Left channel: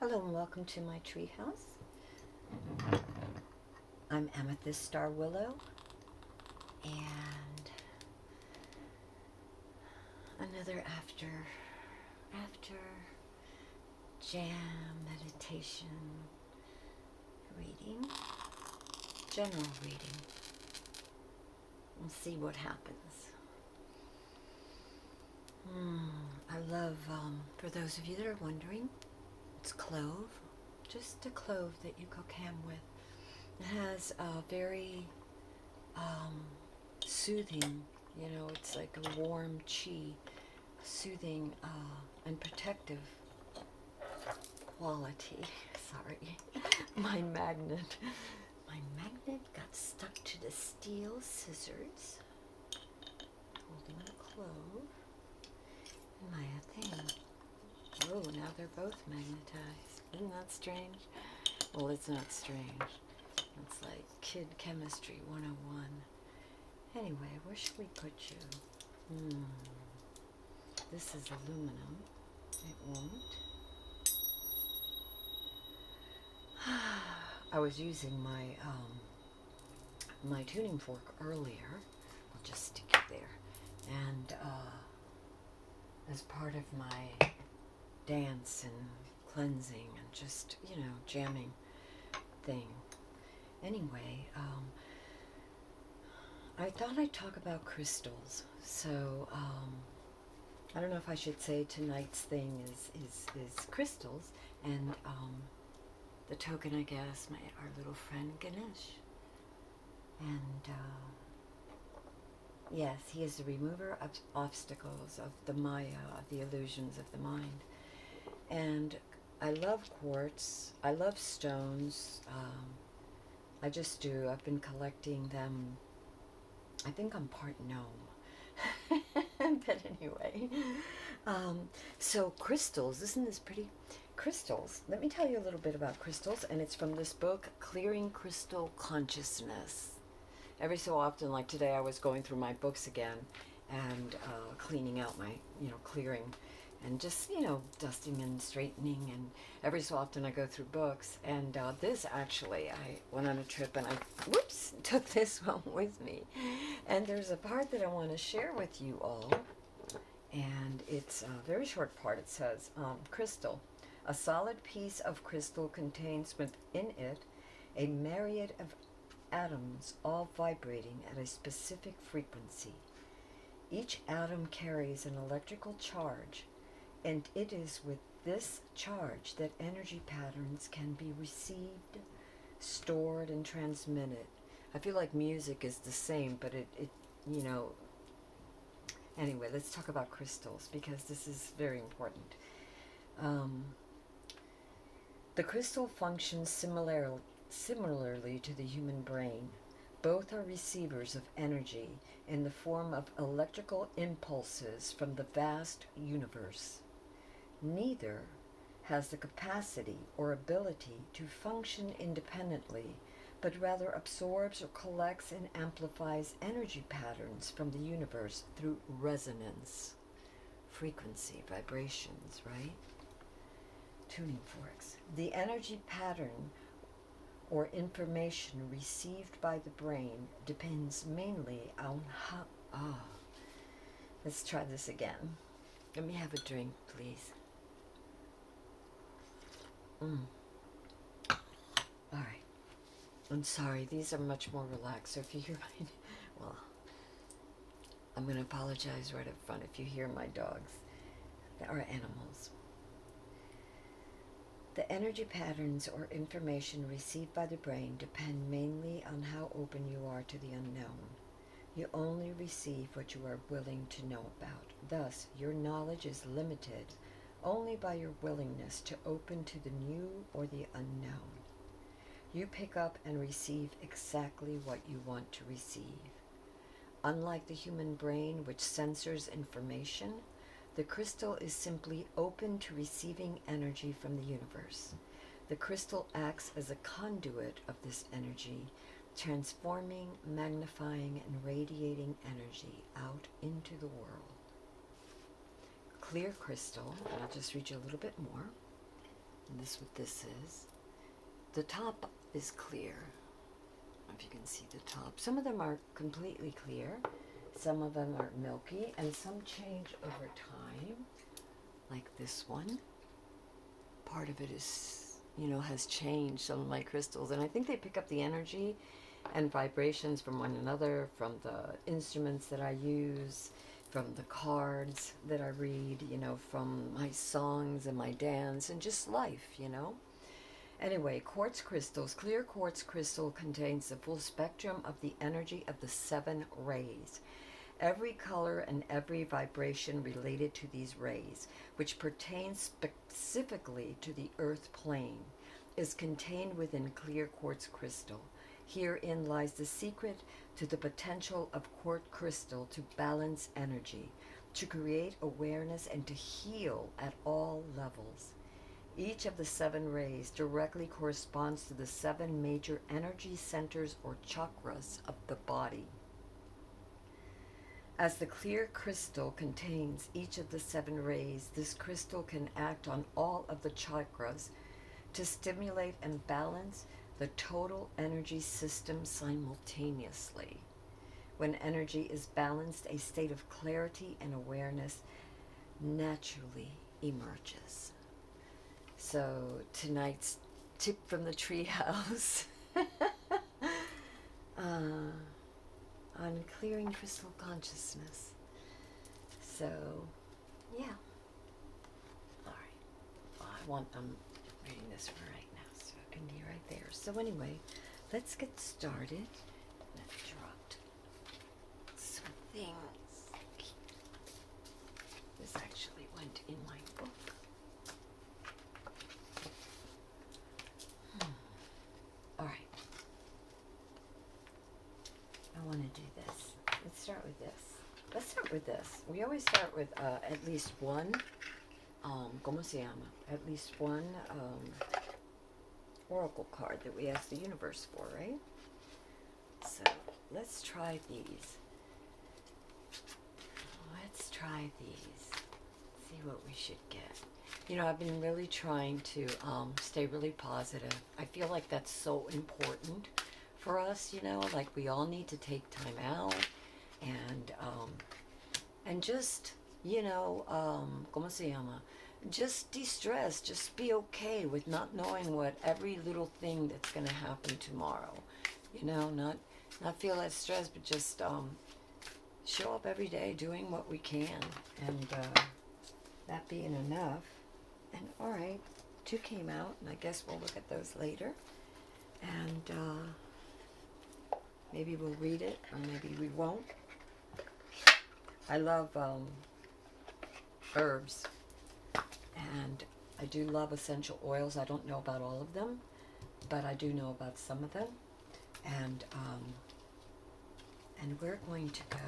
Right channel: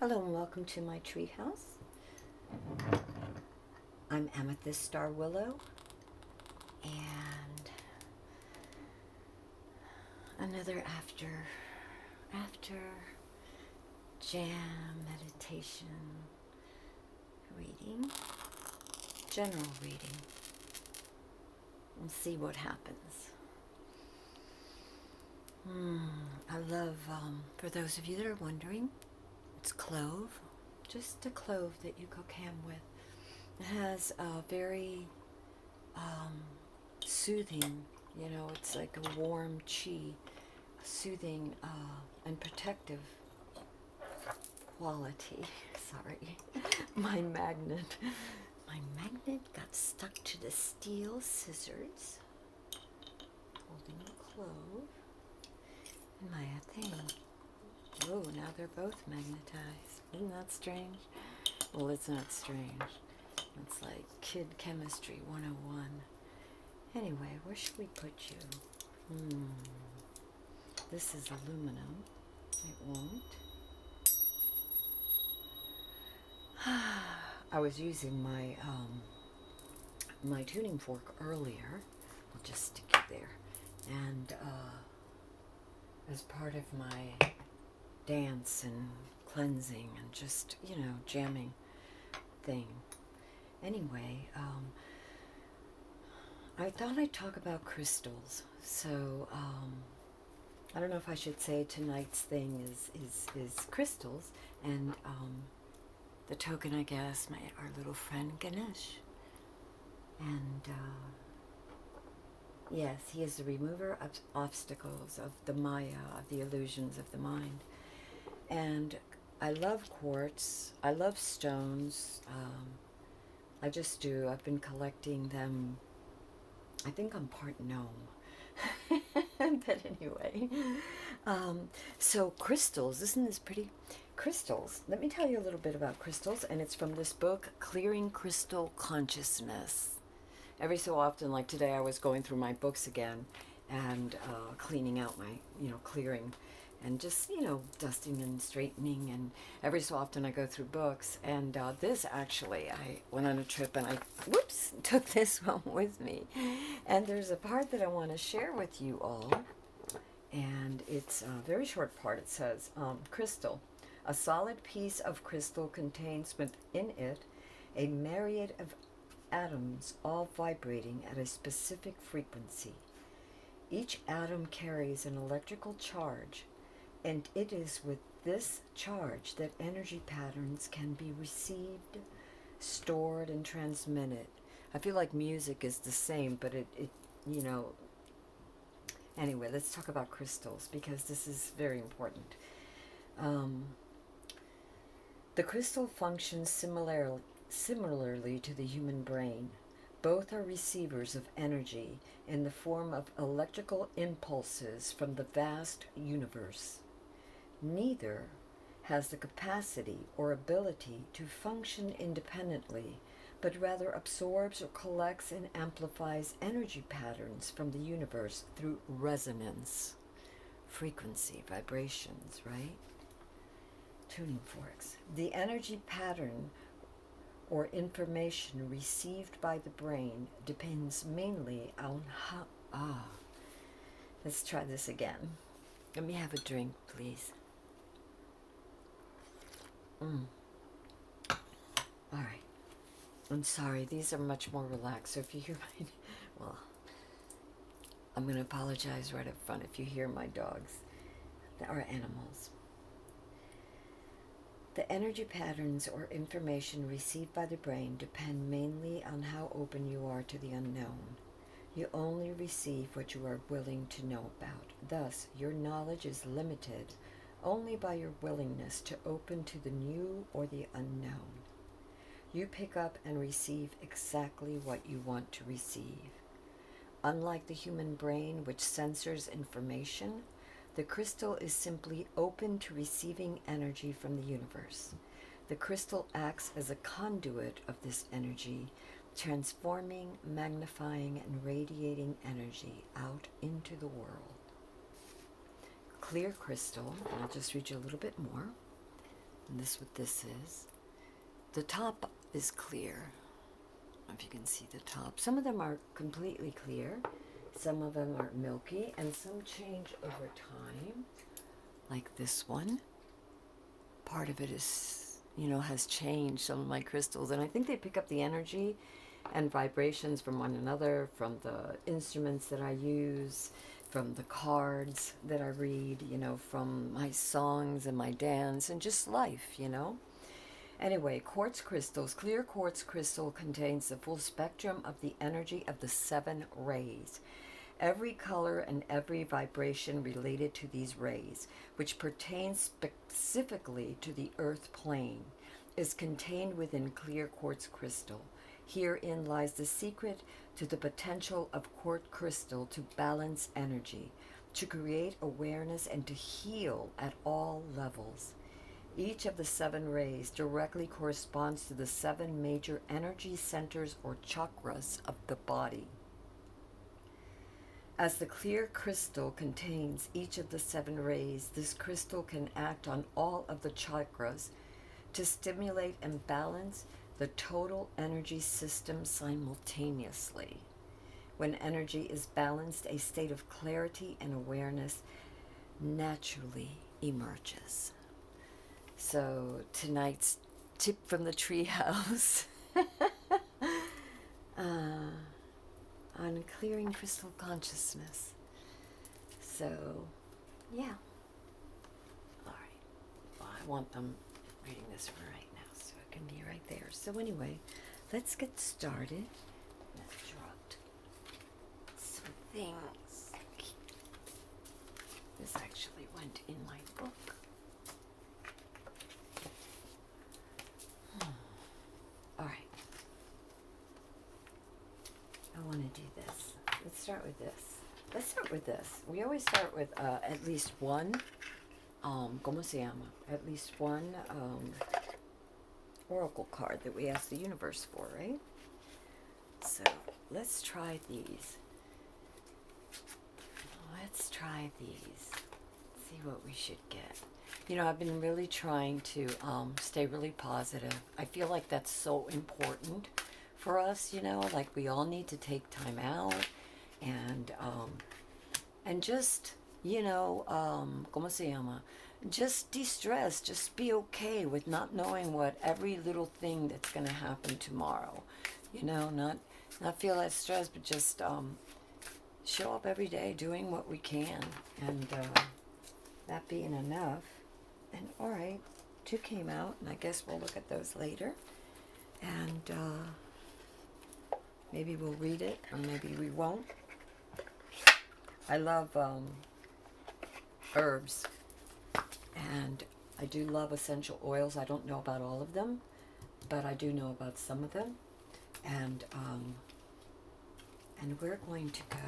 Hello and welcome to my treehouse. I'm amethyststarwillow, and another after jam meditation reading, general reading. We'll see what happens. I love, for those of you that are wondering, it's clove, just a clove that you cook ham with. It has a very soothing, it's like a warm chi, soothing and protective quality. Sorry, my magnet got stuck to the steel scissors, holding a clove. And my thing. Oh, now they're both magnetized. Isn't that strange? Well, it's not strange. It's like kid chemistry 101. Anyway, where should we put you? This is aluminum. It won't. I was using my my tuning fork earlier. I'll just stick it there. And as part of my dance and cleansing and just, jamming thing. Anyway, I thought I'd talk about crystals. So, I don't know if I should say tonight's thing is crystals, and the token, I guess, our little friend Ganesh. And yes, he is the remover of obstacles, of the Maya, of the illusions of the mind. And I love quartz. I love stones. I just do. I've been collecting them. I think I'm part gnome. But anyway. So crystals. Isn't this pretty? Crystals. Let me tell you a little bit about crystals. And it's from this book, Clearing Crystal Consciousness. Every so often, like today, I was going through my books again and cleaning out my, clearing and just, dusting and straightening. And every so often I go through books. And this actually, I went on a trip and I, took this one with me. And there's a part that I want to share with you all. And it's a very short part. It says, crystal. A solid piece of crystal contains within it a myriad of atoms, all vibrating at a specific frequency. Each atom carries an electrical charge, and it is with this charge that energy patterns can be received, stored, and transmitted. I feel like music is the same, but it anyway, let's talk about crystals because this is very important. The crystal functions similarly to the human brain. Both are receivers of energy in the form of electrical impulses from the vast universe. Neither has the capacity or ability to function independently, but rather absorbs or collects and amplifies energy patterns from the universe through resonance, frequency, vibrations, right? Tuning forks. The energy pattern or information received by the brain depends mainly on how... Let's try this again. Let me have a drink, please. All right. I'm sorry, these are much more relaxed, so if you hear my... Well, I'm going to apologize right up front if you hear my dogs. They are animals. The energy patterns or information received by the brain depend mainly on how open you are to the unknown. You only receive what you are willing to know about. Thus, your knowledge is limited only by your willingness to open to the new or the unknown. You pick up and receive exactly what you want to receive. Unlike the human brain, which censors information, the crystal is simply open to receiving energy from the universe. The crystal acts as a conduit of this energy, transforming, magnifying, and radiating energy out into the world. Clear crystal, and I'll just read you a little bit more. And this is what this is. The top is clear. I don't know if you can see the top. Some of them are completely clear. Some of them are milky, and some change over time, like this one. Part of it is, has changed, some of my crystals, and I think they pick up the energy and vibrations from one another, from the instruments that I use, from the cards that I read, from my songs and my dance and just life, Anyway, quartz crystals. Clear quartz crystal contains the full spectrum of the energy of the 7 rays. Every color and every vibration related to these rays, which pertains specifically to the earth plane, is contained within clear quartz crystal. Herein lies the secret to the potential of quartz crystal to balance energy, to create awareness, and to heal at all levels. Each of the 7 rays directly corresponds to the 7 major energy centers or chakras of the body. As the clear crystal contains each of the 7 rays, this crystal can act on all of the chakras to stimulate and balance the total energy system simultaneously. When energy is balanced, a state of clarity and awareness naturally emerges. So tonight's tip from the treehouse on clearing crystal consciousness. So, yeah. All right. Well, I want them reading this one right now, so it can be right there. So anyway, let's get started. I've dropped some things. This actually went in my book. All right. I want to do this. Let's start with this. We always start with at least one, ¿cómo se llama? At least one oracle card that we ask the universe for, right? So let's try these. See what we should get. I've been really trying to stay really positive. I feel like that's so important for us, like we all need to take time out and just, ¿cómo se llama? Just de-stress, just be okay with not knowing what every little thing that's going to happen tomorrow, not feel that stress, but just show up every day doing what we can, and that being enough. And all right, 2 came out, and I guess we'll look at those later, and maybe we'll read it, or maybe we won't. I love herbs, and I do love essential oils. I don't know about all of them, but I do know about some of them. And we're going to go.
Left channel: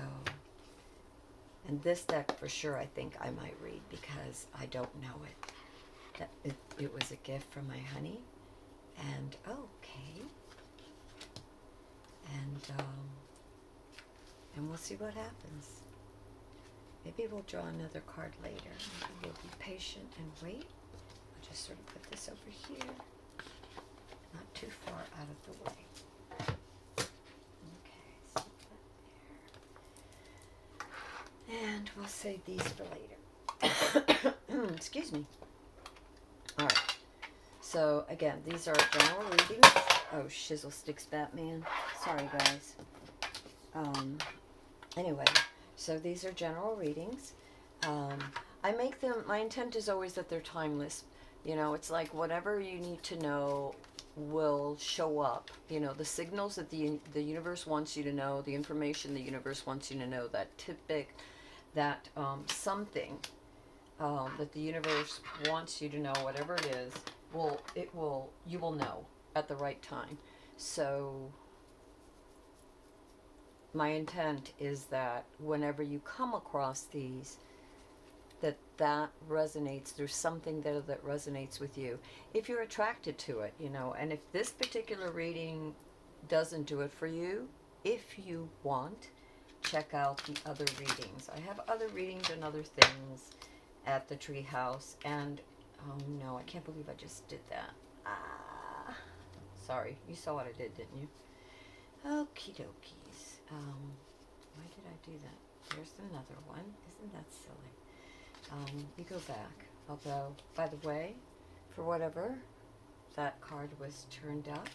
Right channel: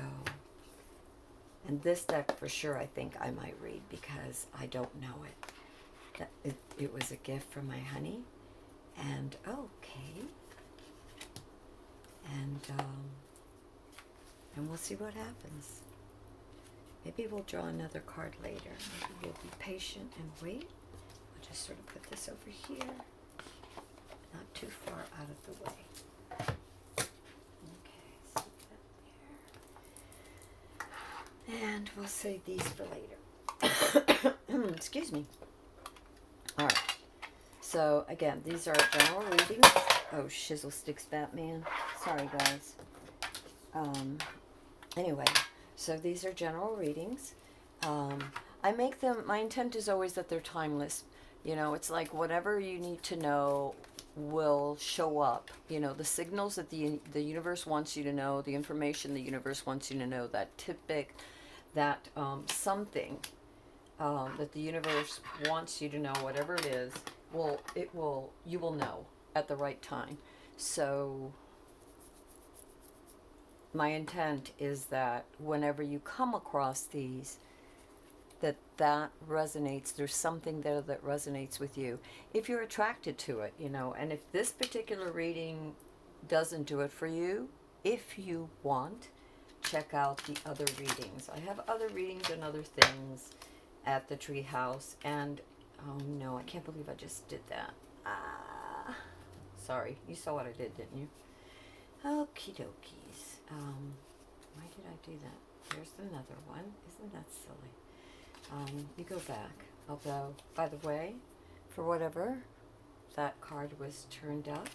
And this deck for sure I think I might read because I don't know it. It was a gift from my honey. And okay. And we'll see what happens. Maybe we'll draw another card later. Maybe you'll be patient and wait. I'll just sort of put this over here. Not too far out of the way. Okay, so that there. And we'll save these for later. Excuse me. All right. So, again, these are general readings. Oh, Shizzle Sticks Batman. Sorry, guys. Anyway, so these are general readings. I make them, my intent is always that they're timeless. It's like whatever you need to know will show up. The signals that the universe wants you to know, the information the universe wants you to know, that typic, that something that the universe wants you to know, whatever it is, you will know at the right time. So my intent is that whenever you come across these, that resonates. There's something there that resonates with you. If you're attracted to it, and if this particular reading doesn't do it for you, if you want, check out the other readings. I have other readings and other things at the treehouse, and Oh no, I can't believe I just did that. Ah, sorry. You saw what I did, didn't you? Okie dokies. Why did I do that? There's another one. Isn't that silly? You go back. Although, by the way, for whatever, that card was turned up.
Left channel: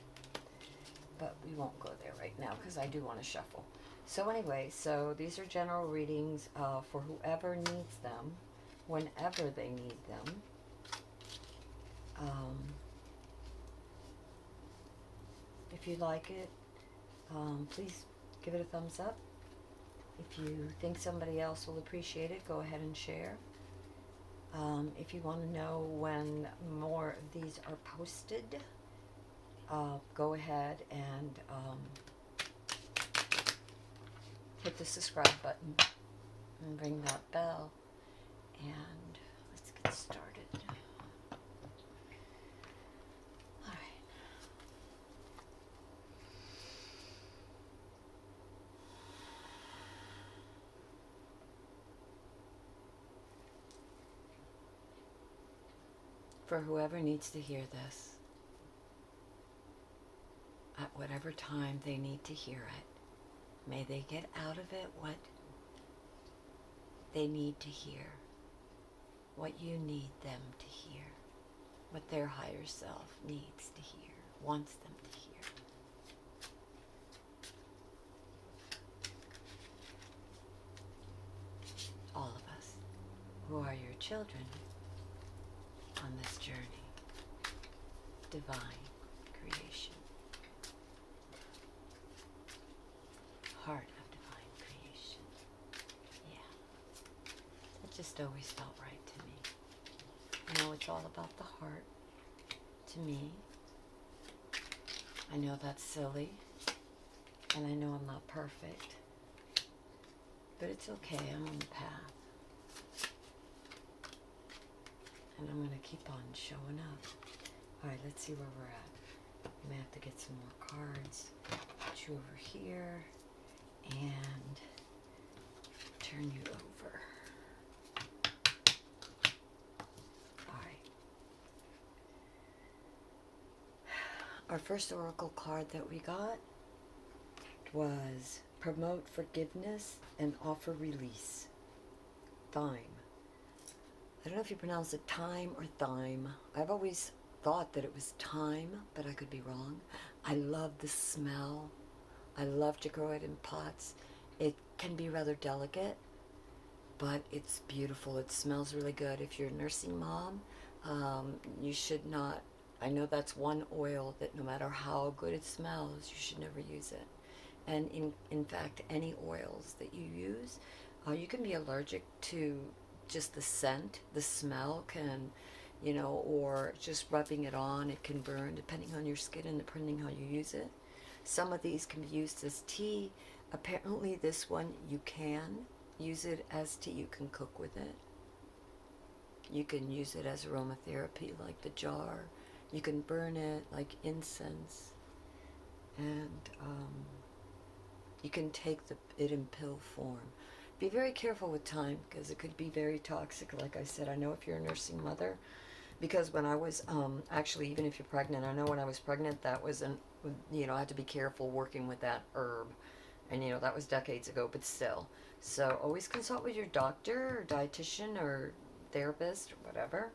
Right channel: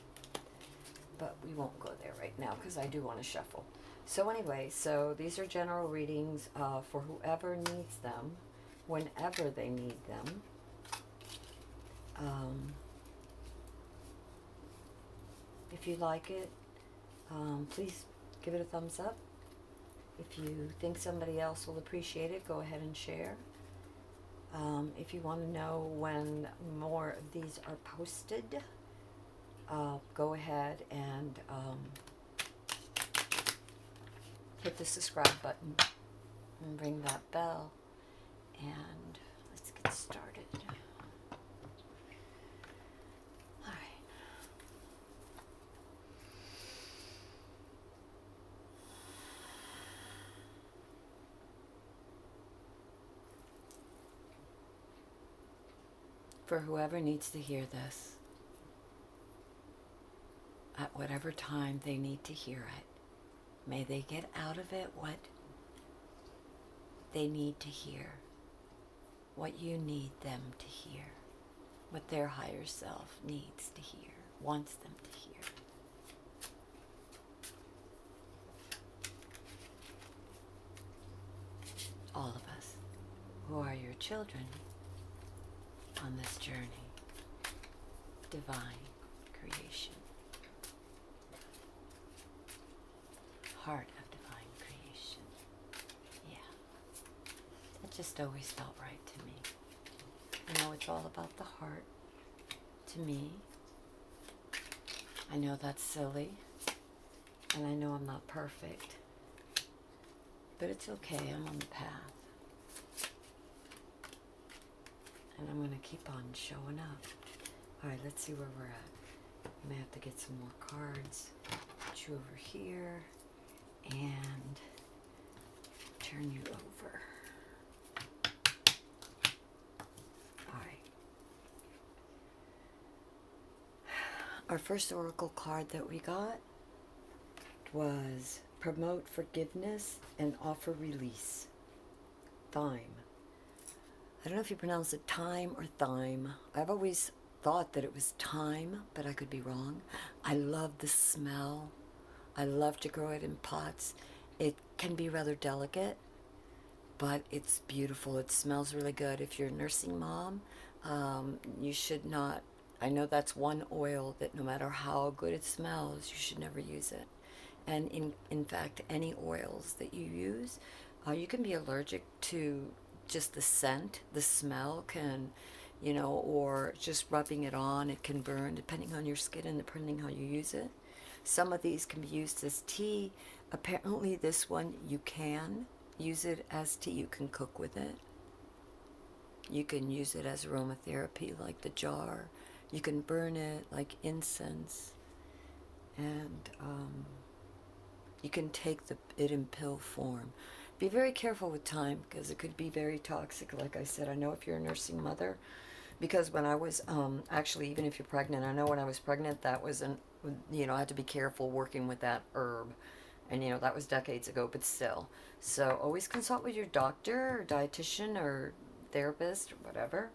But we won't go there right now because I do want to shuffle. So anyway, so these are general readings for whoever needs them, whenever they need them. If you like it, please give it a thumbs up. If you think somebody else will appreciate it, go ahead and share. If you want to know when more of these are posted, go ahead and hit the subscribe button and ring that bell, and let's get started. All right. For whoever needs to hear this, at whatever time they need to hear it, may they get out of it what they need to hear, what you need them to hear, what their higher self needs to hear, wants them to hear. All of us who are your children on this journey, divine creation, heart of divine creation. Yeah, that just always felt right to me. I know it's all about the heart to me. I know that's silly, and I know I'm not perfect, but it's okay. I'm on the path, and I'm going to keep on showing up. All right, let's see where we're at. I may have to get some more cards. Put you over here and turn you over. All right. Our first oracle card that we got was Promote Forgiveness and Offer Release. Thyme. I don't know if you pronounce it time or thyme. I've always thought that it was thyme, but I could be wrong. I love the smell. I love to grow it in pots. It can be rather delicate, but it's beautiful. It smells really good. If you're a nursing mom, you should not, I know that's one oil that no matter how good it smells, you should never use it. And in fact, any oils that you use, you can be allergic to just the scent. The smell can, or just rubbing it on, it can burn depending on your skin and depending how you use it. Some of these can be used as tea. Apparently this one, you can use it as tea. You can cook with it. You can use it as aromatherapy, like the jar. You can burn it like incense. And you can take it in pill form. Be very careful with thyme because it could be very toxic. Like I said, I know if you're a nursing mother, because when I was, actually, even if you're pregnant, I know when I was pregnant, that was I had to be careful working with that herb. And, that was decades ago, but still. So always consult with your doctor or dietitian or therapist or whatever.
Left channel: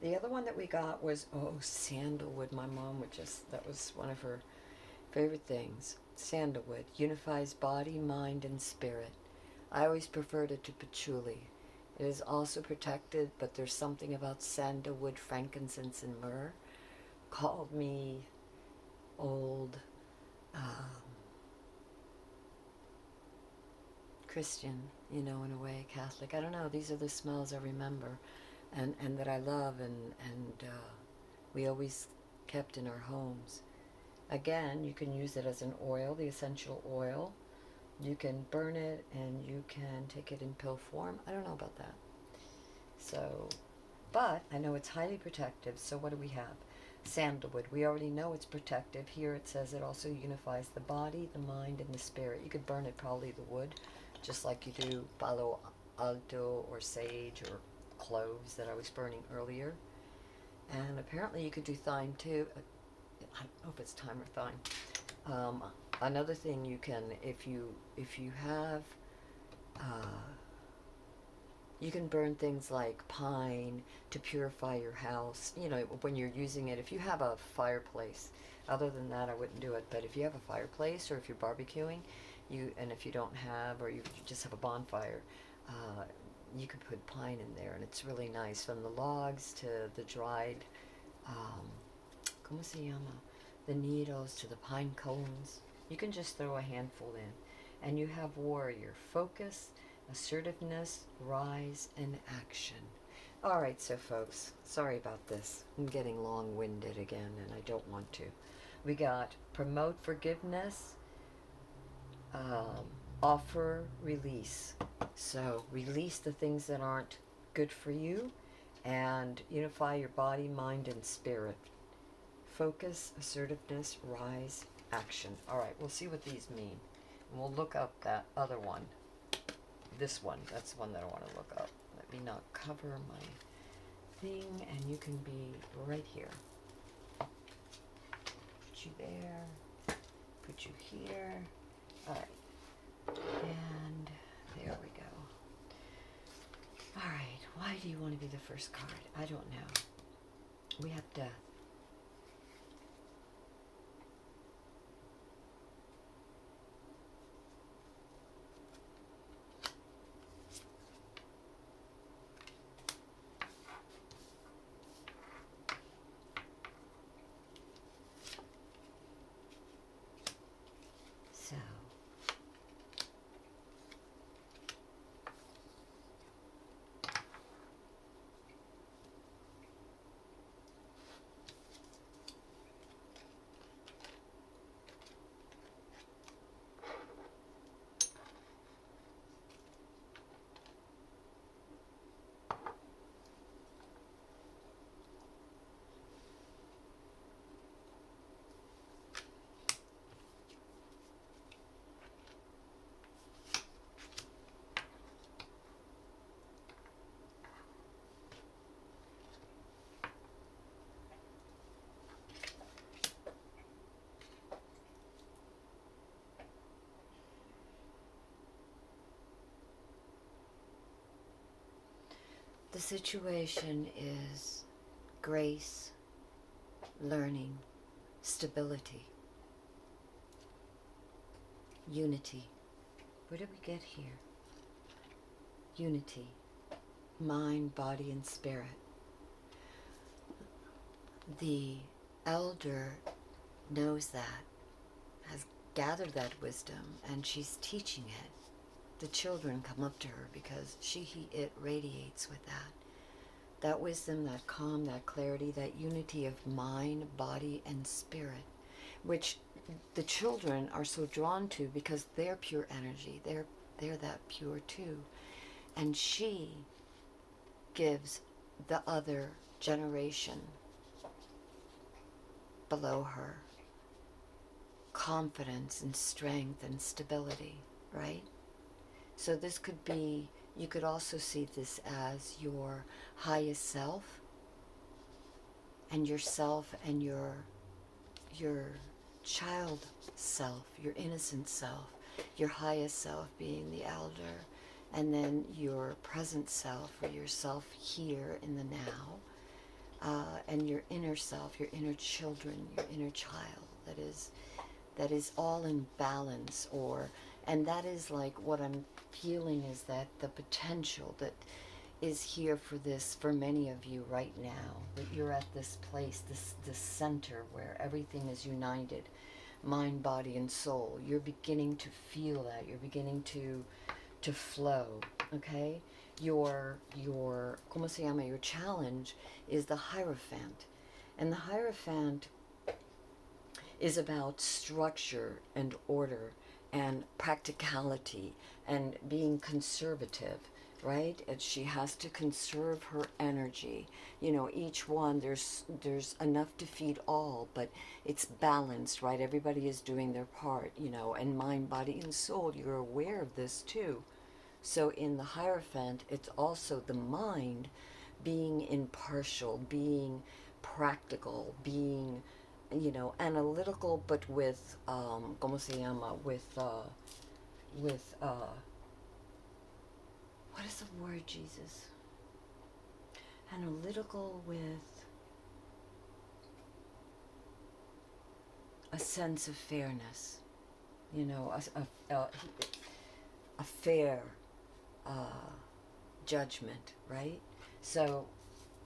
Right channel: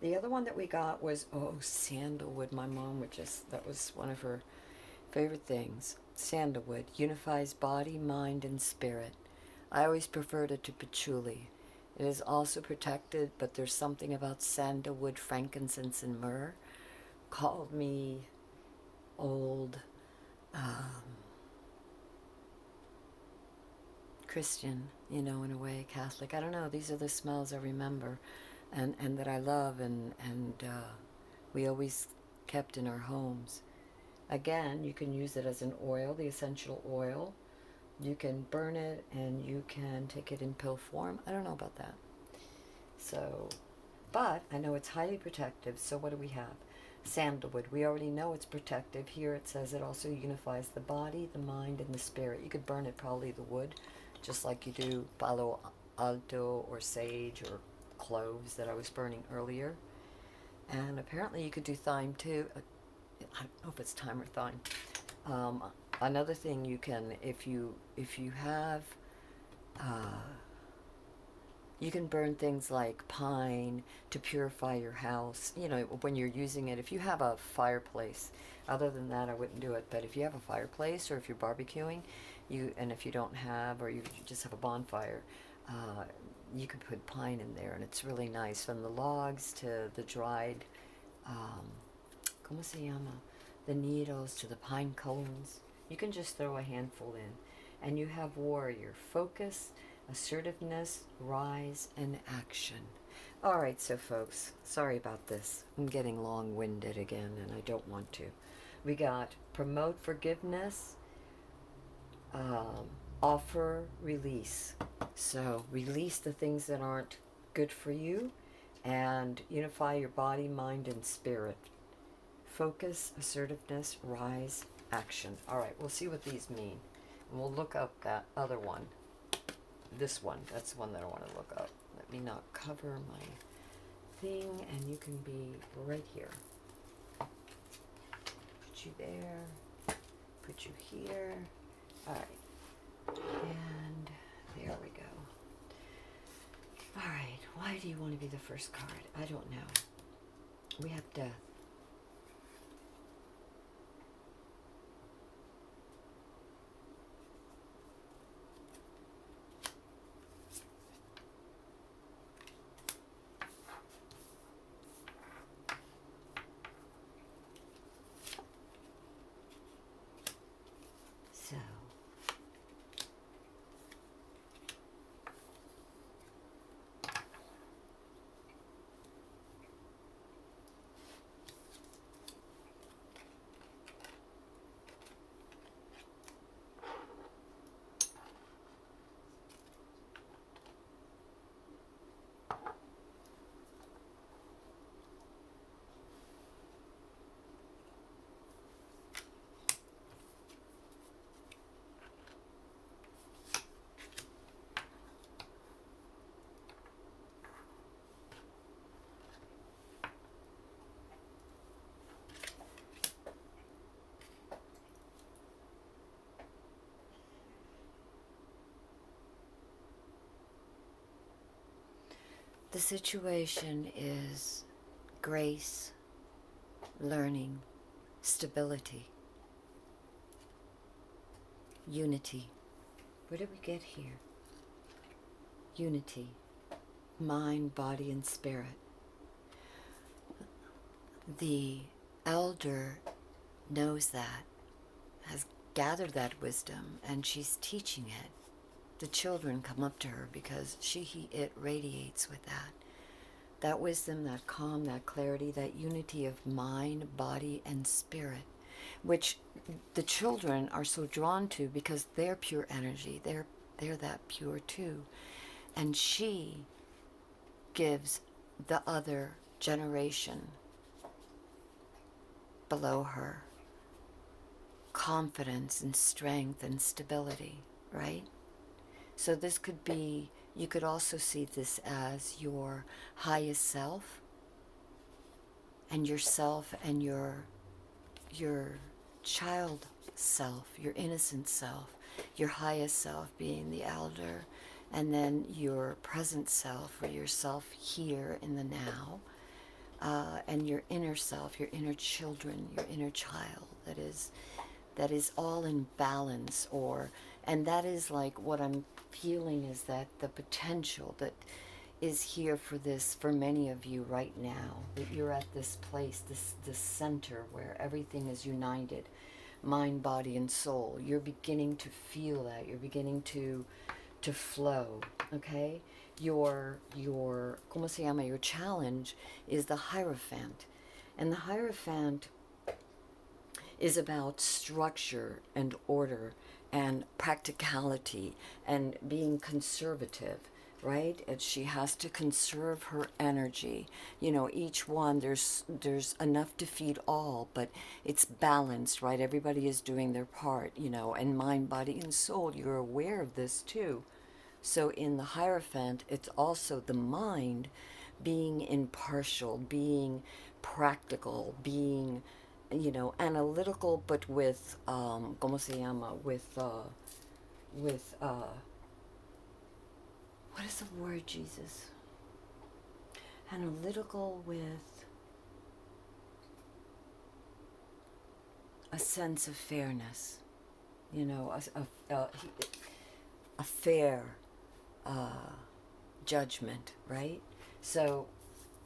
The other one that we got was, sandalwood. My mom that was one of her favorite things. Sandalwood unifies body, mind, and spirit. I always preferred it to patchouli. It is also protected, but there's something about sandalwood, frankincense, and myrrh called me old Christian, in a way, Catholic. I don't know. These are the smells I remember and that I love and we always kept in our homes. Again, you can use it as an oil, the essential oil. You can burn it and you can take it in pill form. I don't know about that. So, but I know it's highly protective. So what do we have? Sandalwood. We already know it's protective. Here it says it also unifies the body, the mind, and the spirit. You could burn it, probably the wood, just like you do Palo Alto or sage or cloves that I was burning earlier. And apparently you could do thyme too. I don't know if it's thyme or thyme. Another thing you can, if you have, uh, you can burn things like pine to purify your house. You know, when you're using it, if you have a fireplace, other than that, I wouldn't do it. But if you have a fireplace or if you're barbecuing, and if you don't have, or you just have a bonfire, you can put pine in there, and it's really nice. From the logs to the dried, um, ¿cómo se llama? The needles to the pine cones. You can just throw a handful in, and you have warrior, focus, assertiveness, rise, and action. All right, so folks, sorry about this. I'm getting long-winded again, and I don't want to. We got promote forgiveness, offer release. So release the things that aren't good for you, and unify your body, mind, and spirit. Focus, assertiveness, rise, action. All right, we'll see what these mean. And we'll look up that other one. This one, that's the one that I want to look up. Let me not cover my thing, and you can be right here. Put you there, put you here. All right, and there we go. All right, why do you want to be the first card? I don't know. We have death. So, the situation is grace, learning, stability, unity. Where did we get here? Unity, mind, body, and spirit. The elder knows that, has gathered that wisdom, and she's teaching it. The children come up to her because it radiates with that. That wisdom, that calm, that clarity, that unity of mind, body, and spirit, which the children are so drawn to because they're pure energy. They're that pure too. And she gives the other generation below her confidence and strength and stability, right? So this could be, you could also see this as your highest self, and yourself and your child self, your innocent self, your highest self being the elder, and then your present self, or yourself here in the now, and your inner self, your inner children, your inner child that is all in balance, and that is like what I'm feeling is that the potential that is here for many of you right now, that you're at this place, this center where everything is united, mind, body, and soul. You're beginning to feel that. You're beginning to flow, okay? Your ¿cómo se llama? Your challenge is the Hierophant. And the Hierophant is about structure and order and practicality and being conservative, right? And she has to conserve her energy. You know, each one, there's enough to feed all, but it's balanced, right? Everybody is doing their part, you know, and mind, body, and soul. You're aware of this too. So in the Hierophant, it's also the mind being impartial, being practical, being, analytical, but with, ¿cómo se llama? With, what is the word, Jesus? Analytical with a sense of fairness, a fair uh, judgment, right? So,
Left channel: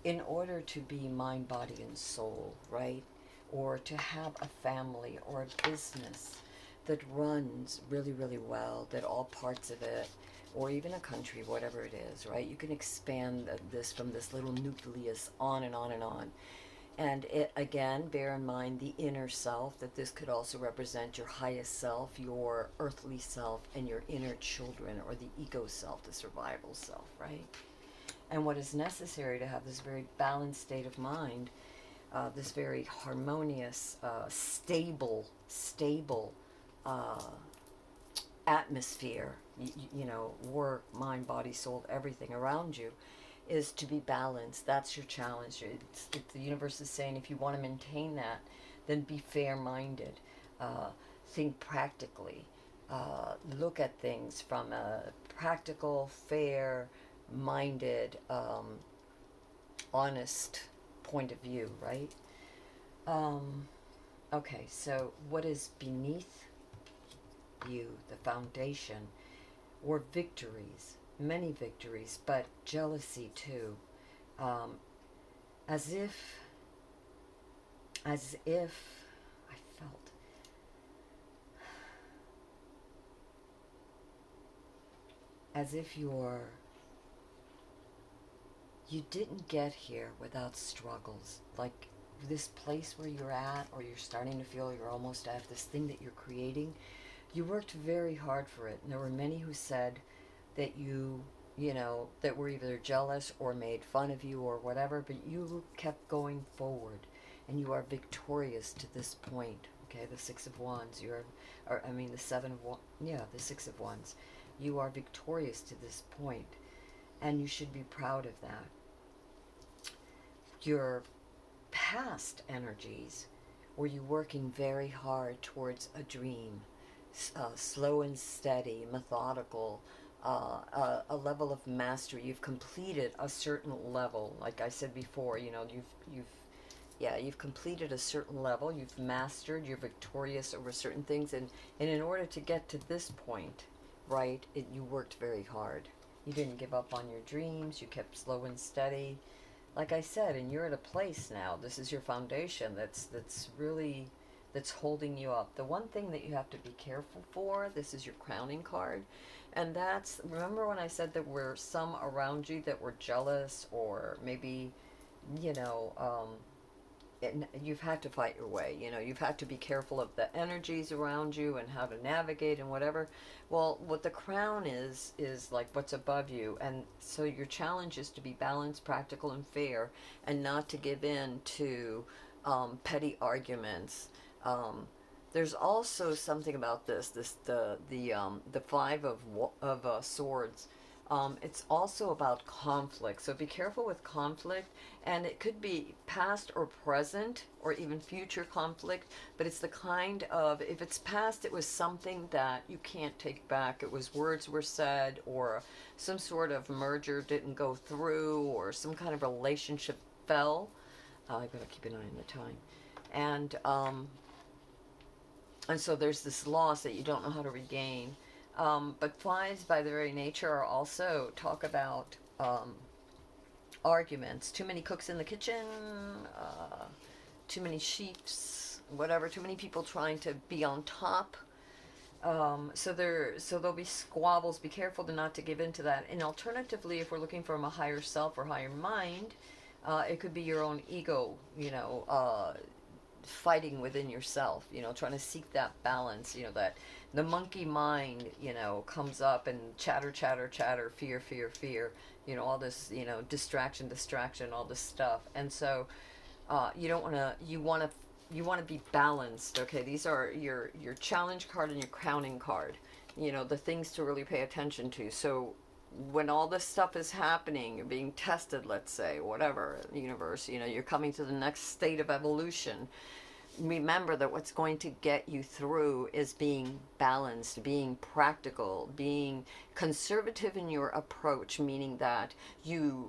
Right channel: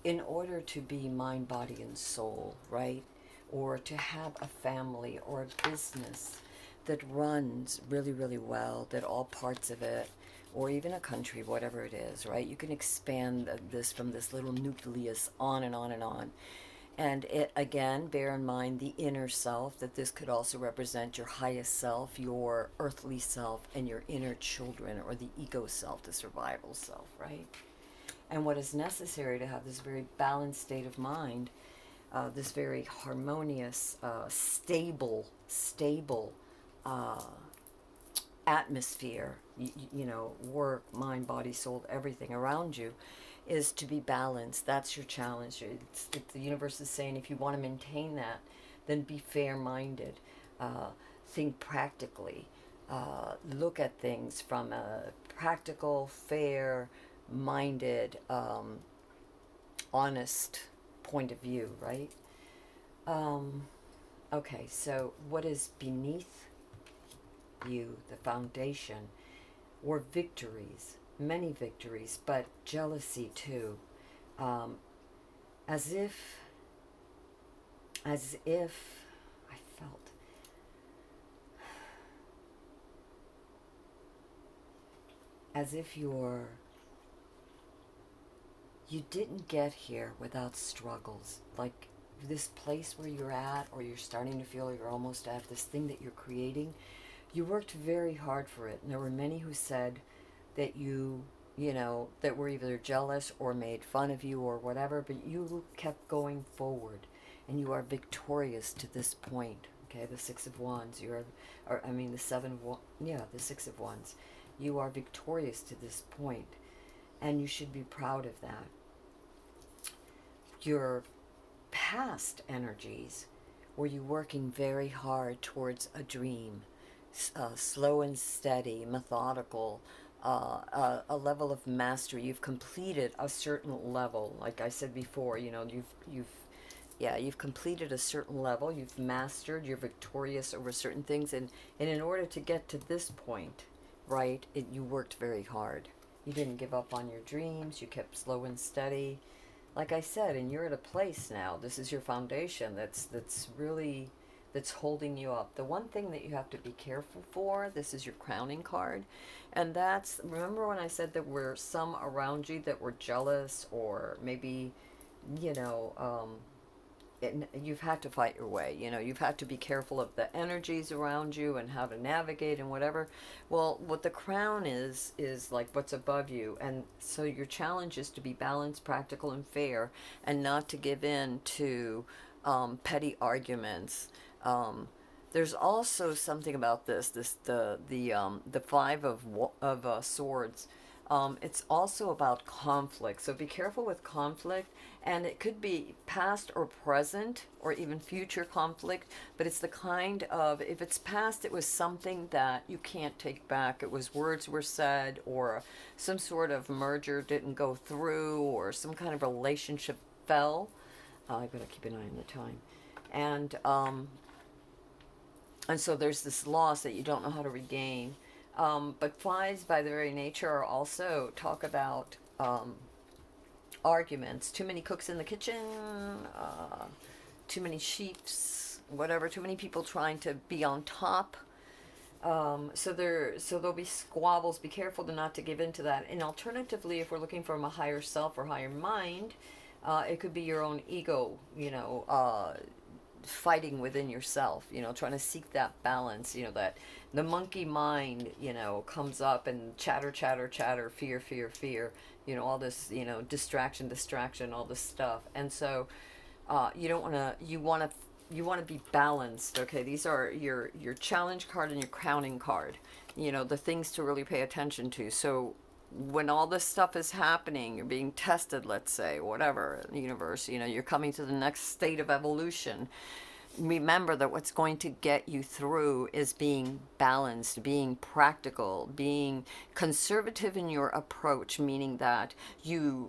in order to be mind, body, and soul, right? Or to have a family or a business that runs really, really well, that all parts of it, or even a country, whatever it is, right? You can expand this from this little nucleus on and on and on. And it, again, bear in mind the inner self, that this could also represent your highest self, your earthly self, and your inner children, or the ego self, the survival self, right? And what is necessary to have this very balanced state of mind, this very harmonious, stable atmosphere, work, mind, body, soul, everything around you, is to be balanced. That's your challenge. The universe is saying, if you want to maintain that, then be fair-minded. Think practically. Look at things from a practical, fair-minded, honest point of view, right? Okay, so what is beneath you, the foundation, or victories? Many victories, but jealousy too. As if I felt as if you didn't get here without struggles. Like this place where you're at, or you're starting to feel you're almost at this thing that you're creating, you worked very hard for it. And there were many who said that that were either jealous or made fun of you or whatever, but you kept going forward, and you are victorious to this point. Okay, the Six of Wands, the Seven of Wands, the Six of Wands. You are victorious to this point, and you should be proud of that. Your past energies, were you working very hard towards a dream, slow and steady, methodical, a level of mastery. You've completed a certain level. Like I said before, you've completed a certain level. You've mastered. You're victorious over certain things, and in order to get to this point, right, you worked very hard. You didn't give up on your dreams. You kept slow and steady. Like I said, and you're at a place now. This is your foundation. That's holding you up. The one thing that you have to be careful for, this is your crowning card, and remember when I said there were some around you that were jealous, or maybe, you've had to fight your way. You've had to be careful of the energies around you and how to navigate and whatever. Well, what the crown is like what's above you, and so your challenge is to be balanced, practical, and fair, and not to give in to petty arguments. There's also something about the Five of Swords. It's also about conflict, so be careful with conflict, and it could be past or present or even future conflict, but it's the kind of, if it's past, it was something that you can't take back. It was words were said, or some sort of merger didn't go through, or some kind of relationship fell. I gotta keep an eye on the time. And so there's this loss that you don't know how to regain. But fives, by their very nature, are also talk about arguments. Too many cooks in the kitchen, too many sheeps, whatever. Too many people trying to be on top. So there'll be squabbles. Be careful not to give in to that. And alternatively, if we're looking from a higher self or higher mind, it could be your own ego. Fighting within yourself, trying to seek that balance, that the monkey mind, comes up and chatter, fear, all this, distraction, all this stuff. And so, you want to be balanced. Okay. These are your challenge card and your crowning card, the things to really pay attention to. So when all this stuff is happening, you're being tested, let's say, whatever, the universe, you're coming to the next state of evolution. Remember that what's going to get you through is being balanced, being practical, being conservative in your approach, meaning that you're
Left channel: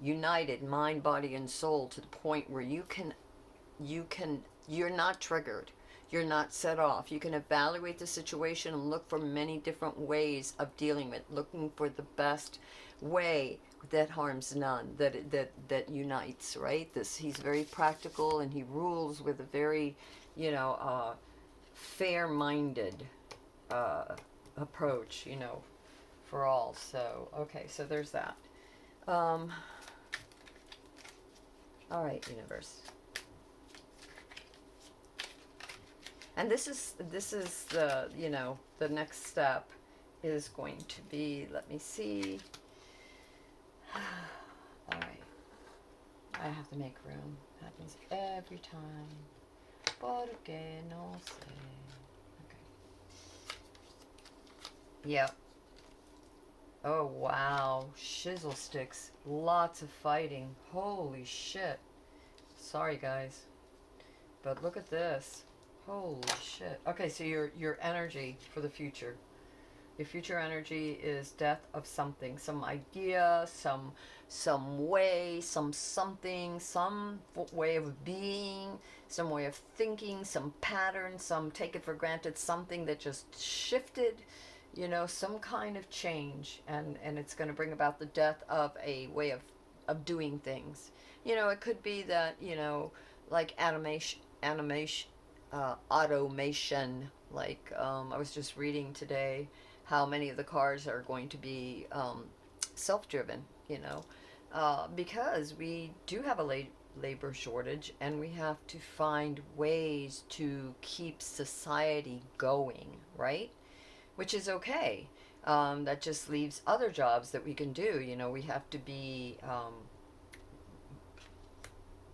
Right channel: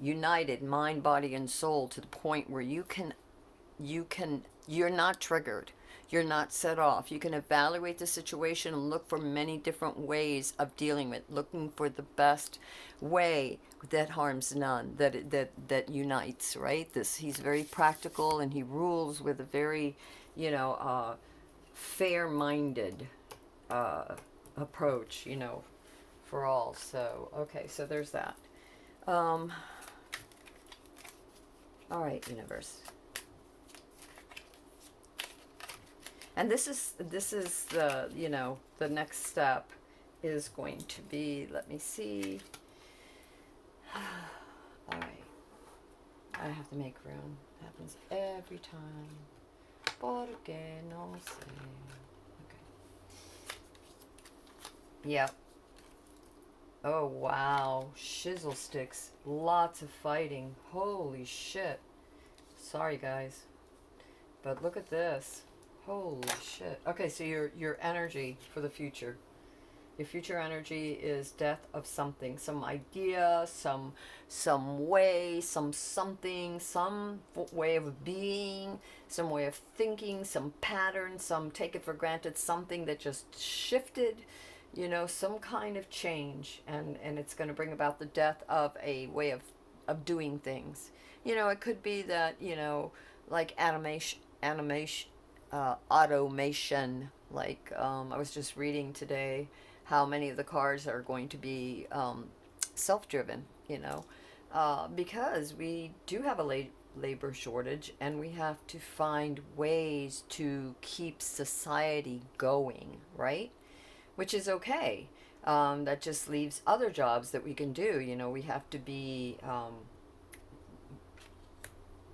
united, mind, body, and soul, to the point where you're not triggered, you're not set off. You can evaluate the situation and look for many different ways of dealing with, looking for the best way that harms none, that unites, right? This He's very practical, and he rules with a very, fair-minded approach, for all. So okay, so there's that. All right, universe. And this is the, the next step is going to be, let me see. All right. I have to make room. Happens every time. Porque no sé. Okay. Yep. Oh, wow. Shizzle sticks. Lots of fighting. Holy shit. Sorry, guys. But look at this. Holy shit. Okay, so your energy for the future. Your future energy is death of something, some idea, some way, something, some way of being, some way of thinking, some pattern, some take it for granted, something that just shifted, some kind of change, and it's going to bring about the death of a way of doing things. It could be that, like automation, like I was just reading today how many of the cars are going to be self-driven, because we do have a labor shortage, and we have to find ways to keep society going, right? Which is okay. That just leaves other jobs that we can do. We have to be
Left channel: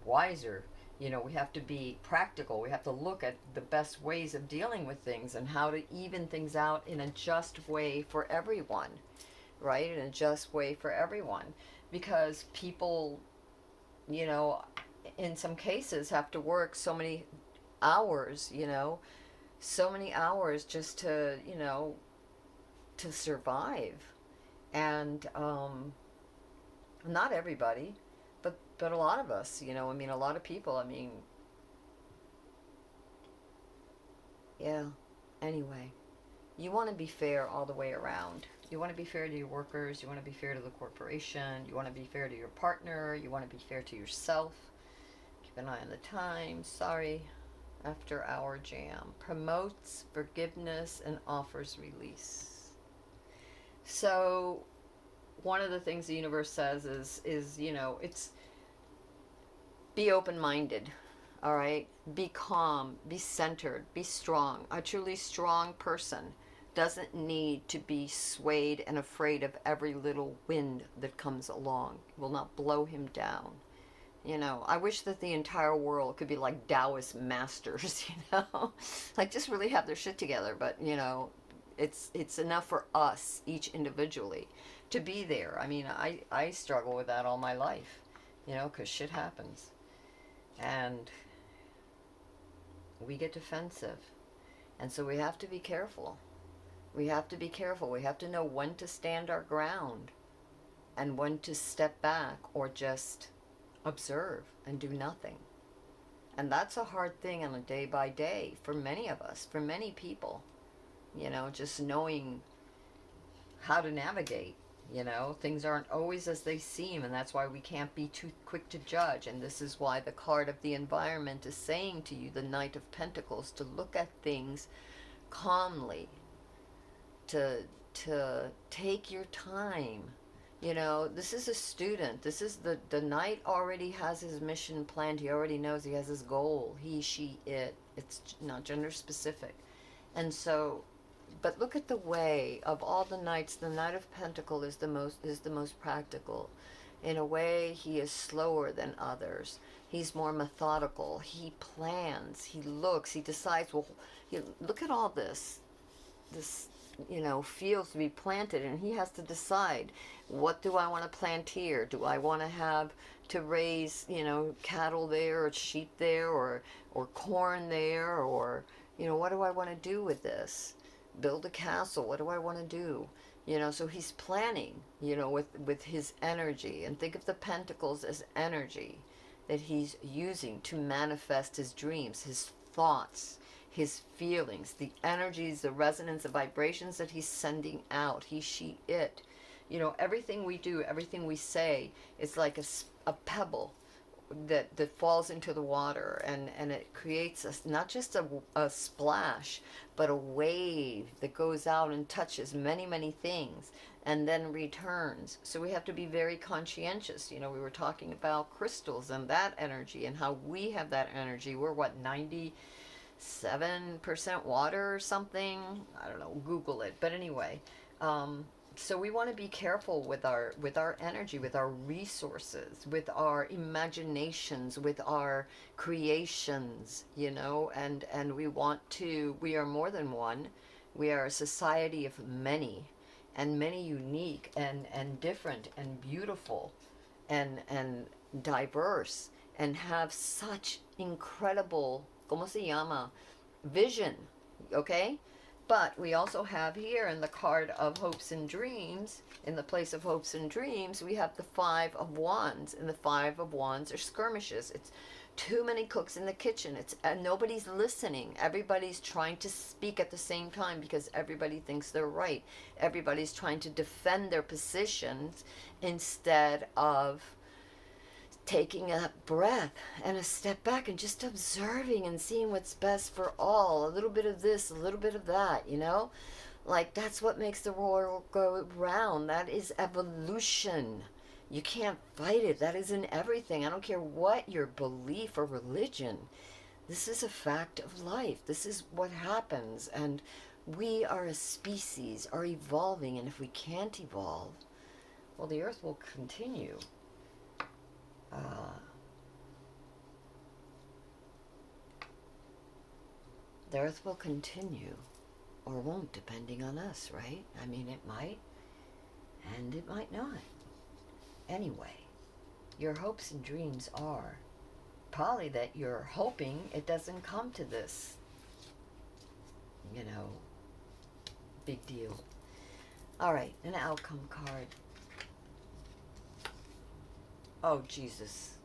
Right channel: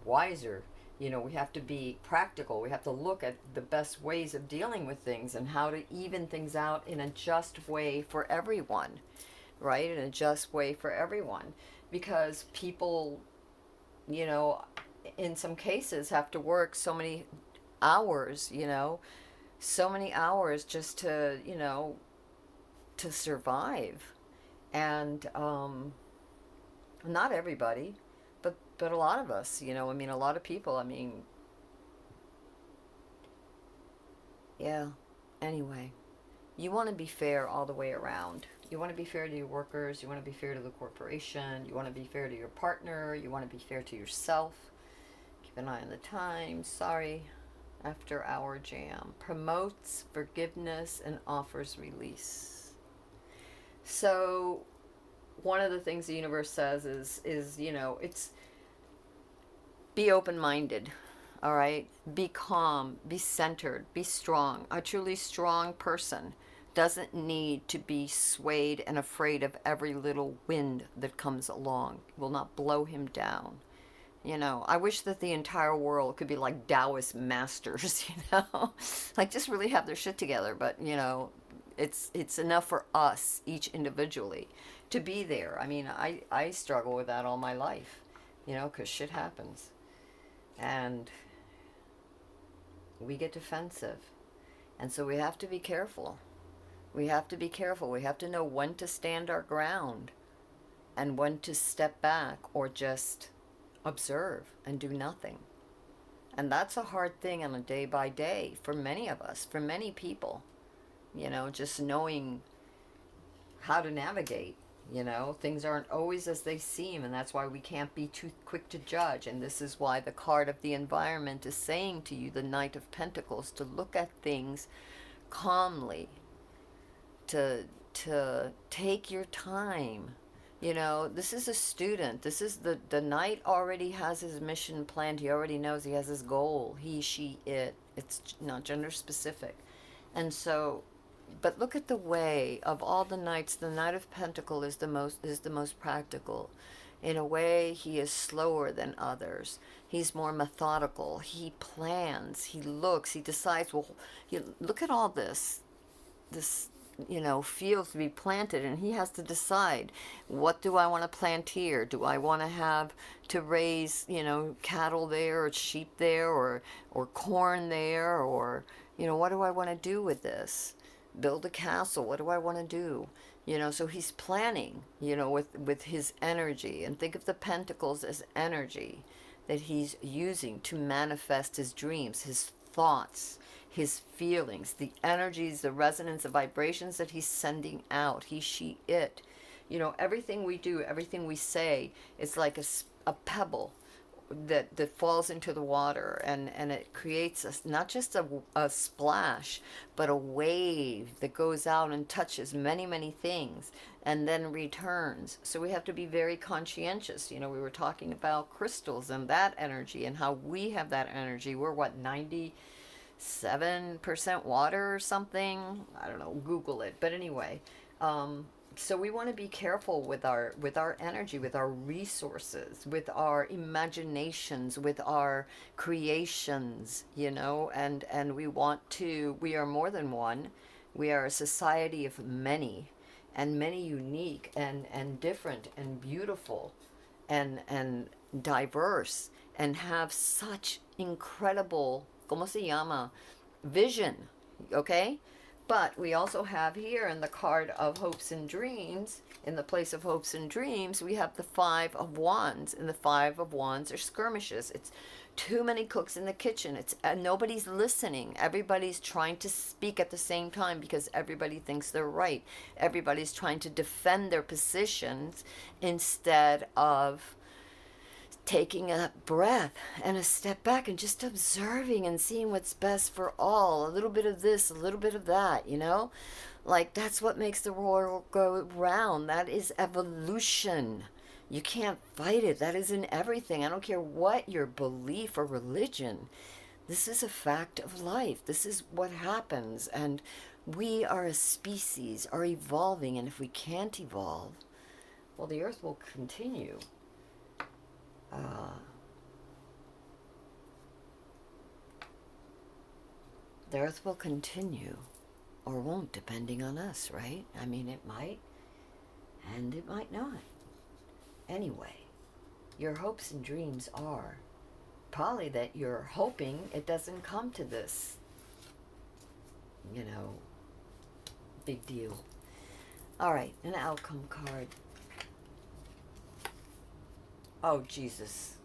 wiser. We have to be practical. We have to look at the best ways of dealing with things and how to even things out in a just way for everyone, right? In a just way for everyone. Because people, in some cases have to work so many hours, so many hours just to, to survive. And not everybody. But a lot of us, a lot of people, yeah. Anyway, you want to be fair all the way around. You want to be fair to your workers. You want to be fair to the corporation. You want to be fair to your partner. You want to be fair to yourself. Keep an eye on the time. Sorry. After hour jam. Promotes forgiveness and offers release. So, one of the things the universe says is it's be open-minded, all right? Be calm, be centered, be strong. A truly strong person doesn't need to be swayed and afraid of every little wind that comes along. It will not blow him down. I wish that the entire world could be like Taoist masters, like just really have their shit together. But, it's enough for us, each individually, to be there. I struggle with that all my life, because shit happens. And we get defensive. And so we have to be careful. We have to be careful. We have to know when to stand our ground and when to step back or just observe and do nothing. And that's a hard thing on a day by day for many of us, for many people. Just knowing how to navigate. Things aren't always as they seem, and that's why we can't be too quick to judge. And this is why the card of the environment is saying to you, the Knight of Pentacles, to look at things calmly, to take your time. This is a student. This is the Knight already has his mission planned. He already knows he has his goal. He, she, it. It's not gender specific. And so, but look at the way of all the knights. The Knight of Pentacles is the most practical. In a way, he is slower than others. He's more methodical. He plans. He looks. He decides. Well, look at all this fields to be planted, and he has to decide, what do I want to plant here? Do I want to have to raise, cattle there, or sheep there, or corn there, or what do I want to do with this? Build a castle. What do I want to do? So he's planning, with his energy. And think of the pentacles as energy that he's using to manifest his dreams, his thoughts, his feelings, the energies, the resonance, the vibrations that he's sending out. He, she, it. Everything we do, everything we say is like a pebble that falls into the water, and it creates not just a splash, but a wave that goes out and touches many, many things and then returns. So we have to be very conscientious. We were talking about crystals and that energy, and how we have that energy. We're what, 97% water or something? I don't know, Google it. But anyway, so we want to be careful with our energy, with our resources, with our imaginations, with our creations, and we are more than one. We are a society of many, and many unique and different and beautiful and diverse, and have such incredible, ¿cómo se llama? Vision, okay? But we also have here in the card of hopes and dreams, in the place of hopes and dreams, we have the Five of Wands. And the Five of Wands are skirmishes. It's too many cooks in the kitchen. It's nobody's listening. Everybody's trying to speak at the same time because everybody thinks they're right. Everybody's trying to defend their positions instead of taking a breath and a step back and just observing and seeing what's best for all. A little bit of this, a little bit of that, like that's what makes the world go round. That is evolution. You can't fight it. That is in everything. I don't care what your belief or religion. This is a fact of life. This is what happens. And we are a species, are evolving. And if we can't evolve, well, the earth will continue. The earth will continue, or won't, depending on us, right? I mean, it might, and it might not. Anyway, your hopes and dreams are probably that you're hoping it doesn't come to this, big deal. All right, an outcome card. Oh, Jesus.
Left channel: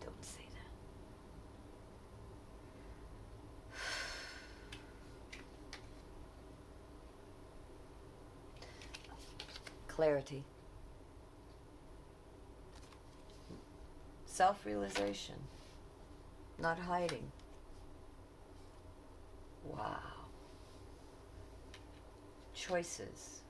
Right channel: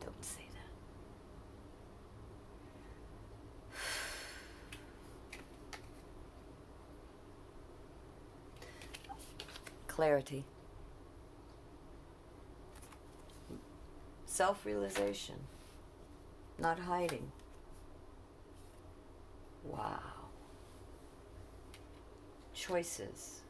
Don't say that. Clarity. Self-realization. Not hiding. Wow. Choices.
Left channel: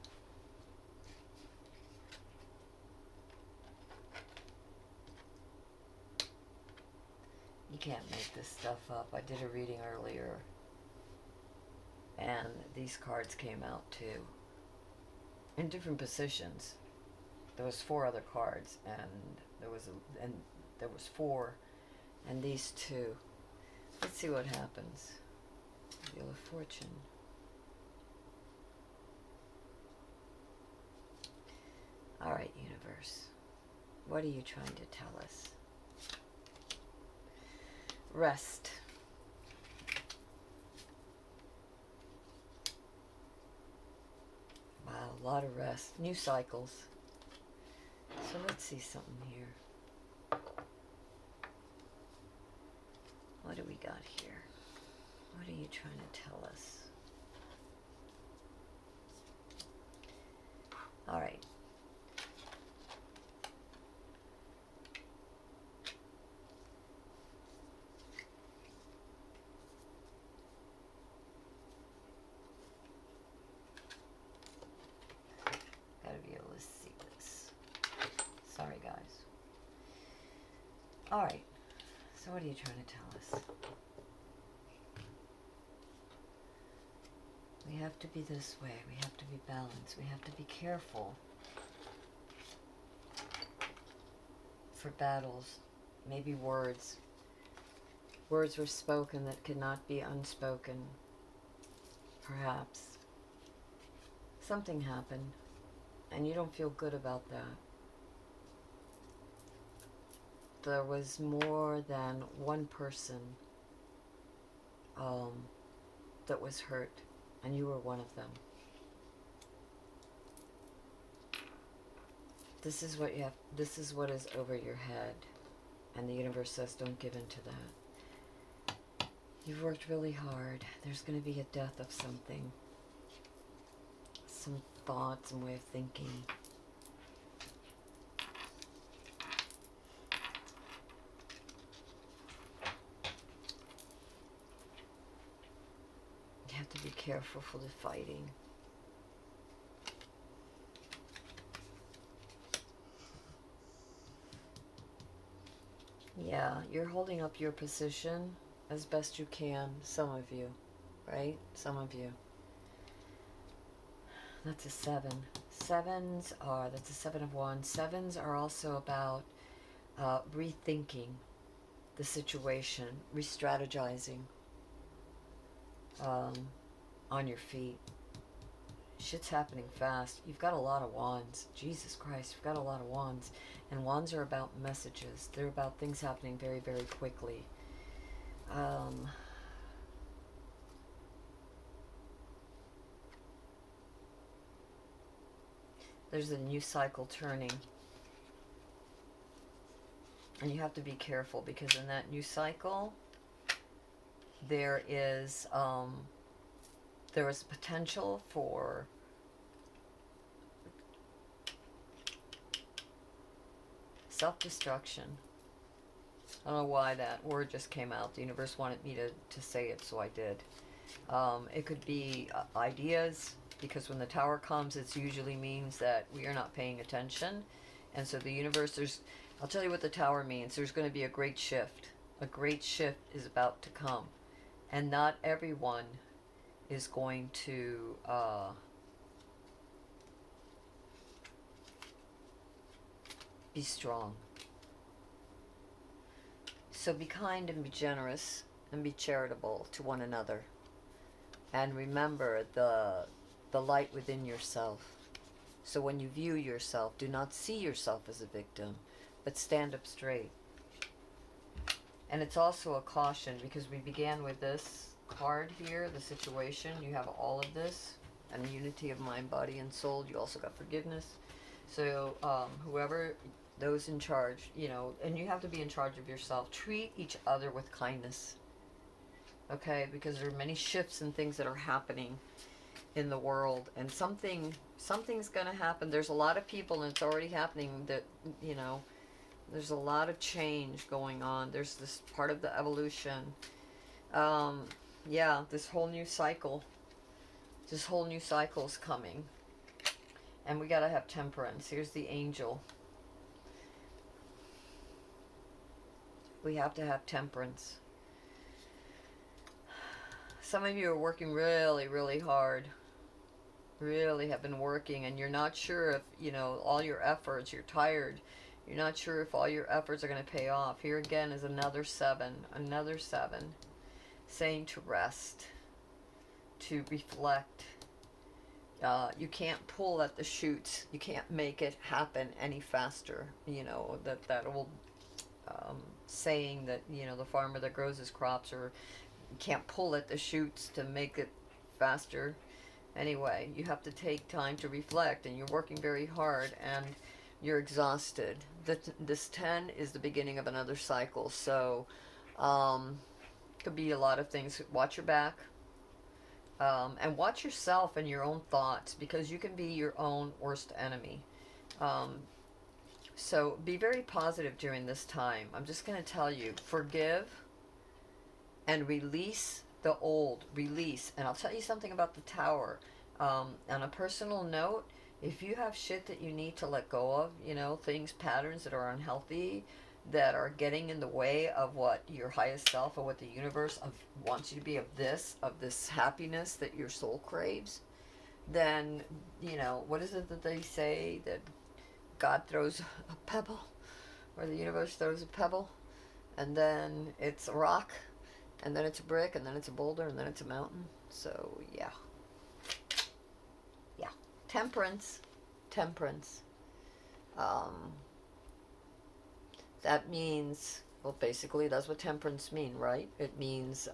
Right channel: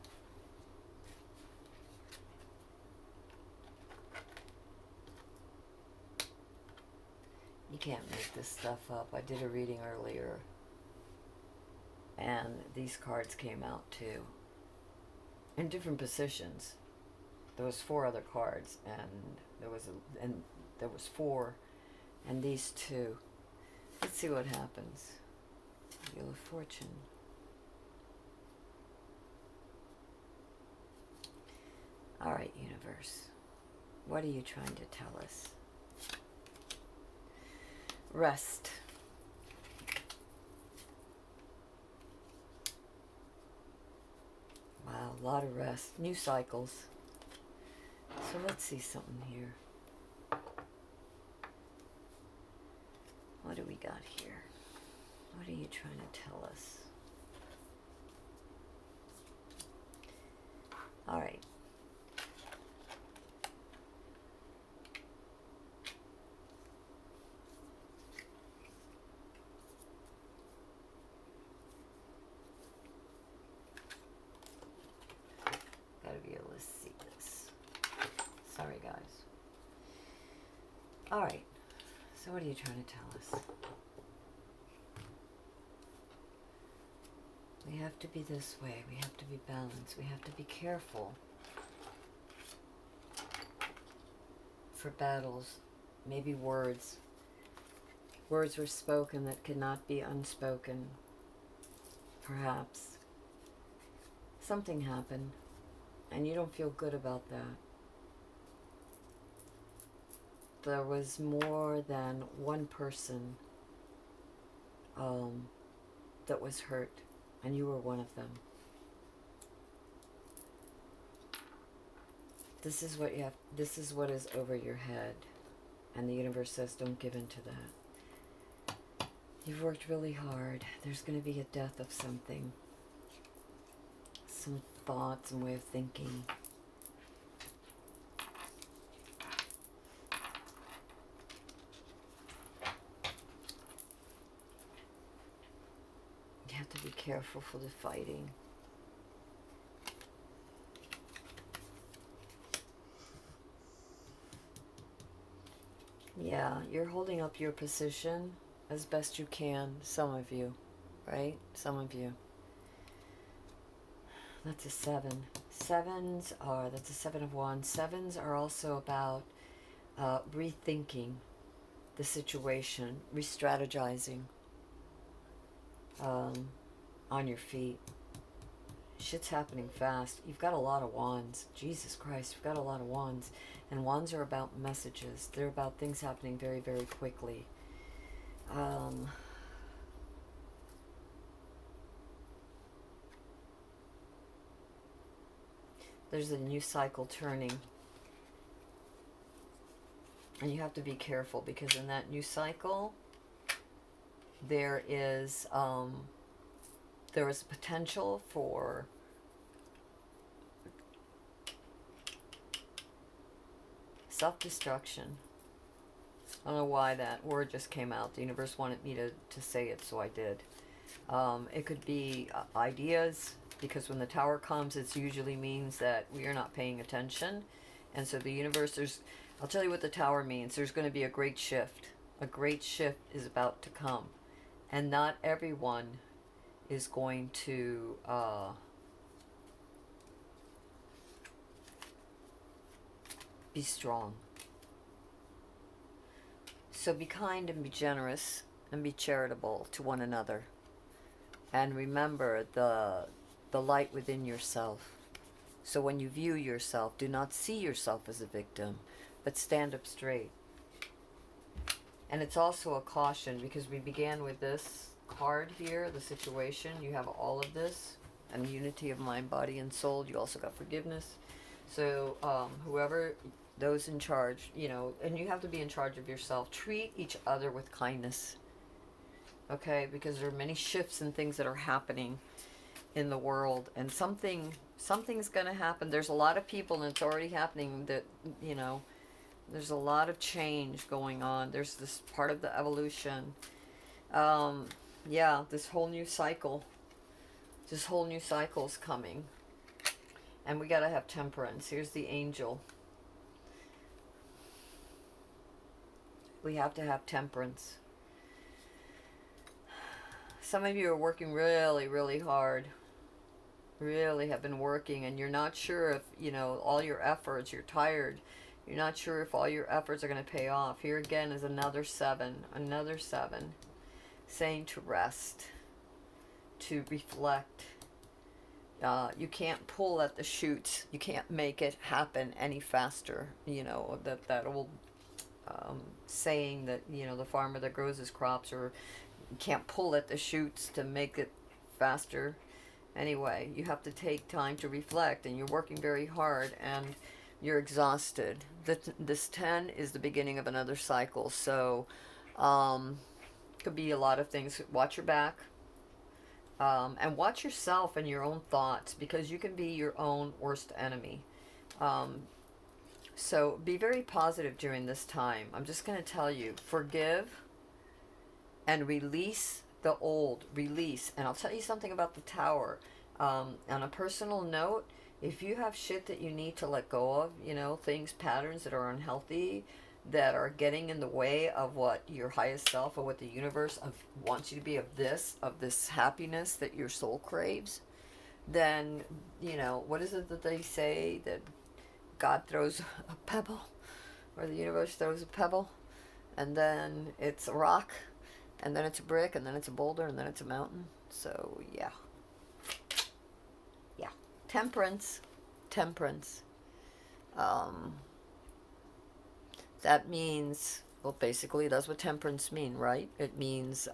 You can't make this stuff up. I did a reading earlier, and these cards came out too, in different positions. There was 4 other cards, and there was 4, and these 2. Let's see what happens. Wheel of Fortune. All right, universe. What are you trying to tell us? Rest. Wow, a lot of rest. New cycles. So let's see something here. What do we got here? What are you trying to tell us? All right. Gotta be able to see this. Sorry, guys. All right. So what are you trying to tell us? We have to be this way. We have to be balanced. We have to be careful for battles. Maybe words. Words were spoken that cannot be unspoken. perhaps. Something happened, and you don't feel good about that. There was more than one person that was hurt, and you were one of them. This is what you have. This is what is over your head, and the universe says, don't give in to that. You've worked really hard. There's going to be a death of something, some thoughts and way of thinking. You have to be careful for the fighting. Yeah, you're holding up your position as best you can, some of you, right? Some of you. That's a 7. That's a 7 of Wands. 7s are also about rethinking the situation, re-strategizing on your feet. Shit's happening fast. You've got a lot of wands. Jesus Christ, you've got a lot of wands. And wands are about messages. They're about things happening very, very quickly. There's a new cycle turning. And you have to be careful, because in that new cycle, there is potential for self-destruction. I don't know why that word just came out. The universe wanted me to say it, so I did. It could be ideas, because when the tower comes, it usually means that we are not paying attention. And so the universe, I'll tell you what the tower means. There's going to be a great shift. A great shift is about to come. And not everyone is going to be strong. So be kind and be generous and be charitable to one another. And remember the light within yourself. So when you view yourself, do not see yourself as a victim, but stand up straight. And it's also a caution, because we began with this card here, the situation. You have all of this, and unity of mind, body, and soul. You also got forgiveness. So whoever, those in charge, and you have to be in charge of yourself. Treat each other with kindness. Okay? Because there are many shifts and things that are happening in the world, and something's going to happen. There's a lot of people, and it's already happening, that, there's a lot of change going on. There's this part of the evolution. Yeah, this whole new cycle is coming. And we got to have temperance. Here's the angel. We have to have temperance. Some of you are working really, really hard. Really have been working, and you're not sure if, all your efforts, you're tired. You're not sure if all your efforts are going to pay off. Here again is another 7. Another 7. Saying to rest. To reflect. You can't pull at the shoots. You can't make it happen any faster. That old saying that, the farmer that grows his crops, or you can't pull at the shoots to make it faster. Anyway, you have to take time to reflect, and you're working very hard, and you're exhausted. This 10 is the beginning of another cycle, so could be a lot of things. Watch your back, and watch yourself and your own thoughts, because you can be your own worst enemy. So be very positive during this time. I'm just going to tell you, forgive and release the old. Release. And I'll tell you something about the tower. On a personal note, if you have shit that you need to let go of, things, patterns that are unhealthy, that are getting in the way of what your highest self or what the universe wants you to be, of this happiness that your soul craves, then, what is it that they say, that God throws a pebble, or the universe throws a pebble, and then it's a rock, and then it's a brick, and then it's a boulder, and then it's a mountain. So, yeah. Temperance. Temperance. Um, that means, well, basically, that's what temperance mean, right? It means,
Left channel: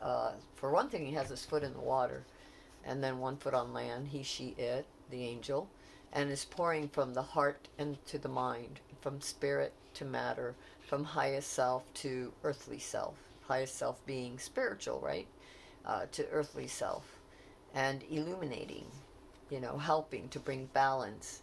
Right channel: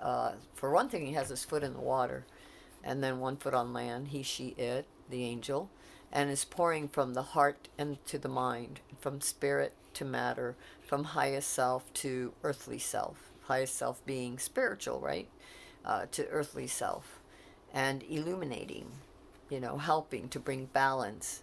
for one thing, he has his foot in the water, and then one foot on land, he, she, it, the angel, and is pouring from the heart and to the mind, from spirit to matter, from highest self to earthly self. Highest self being spiritual, right? To earthly self, and illuminating, helping to bring balance.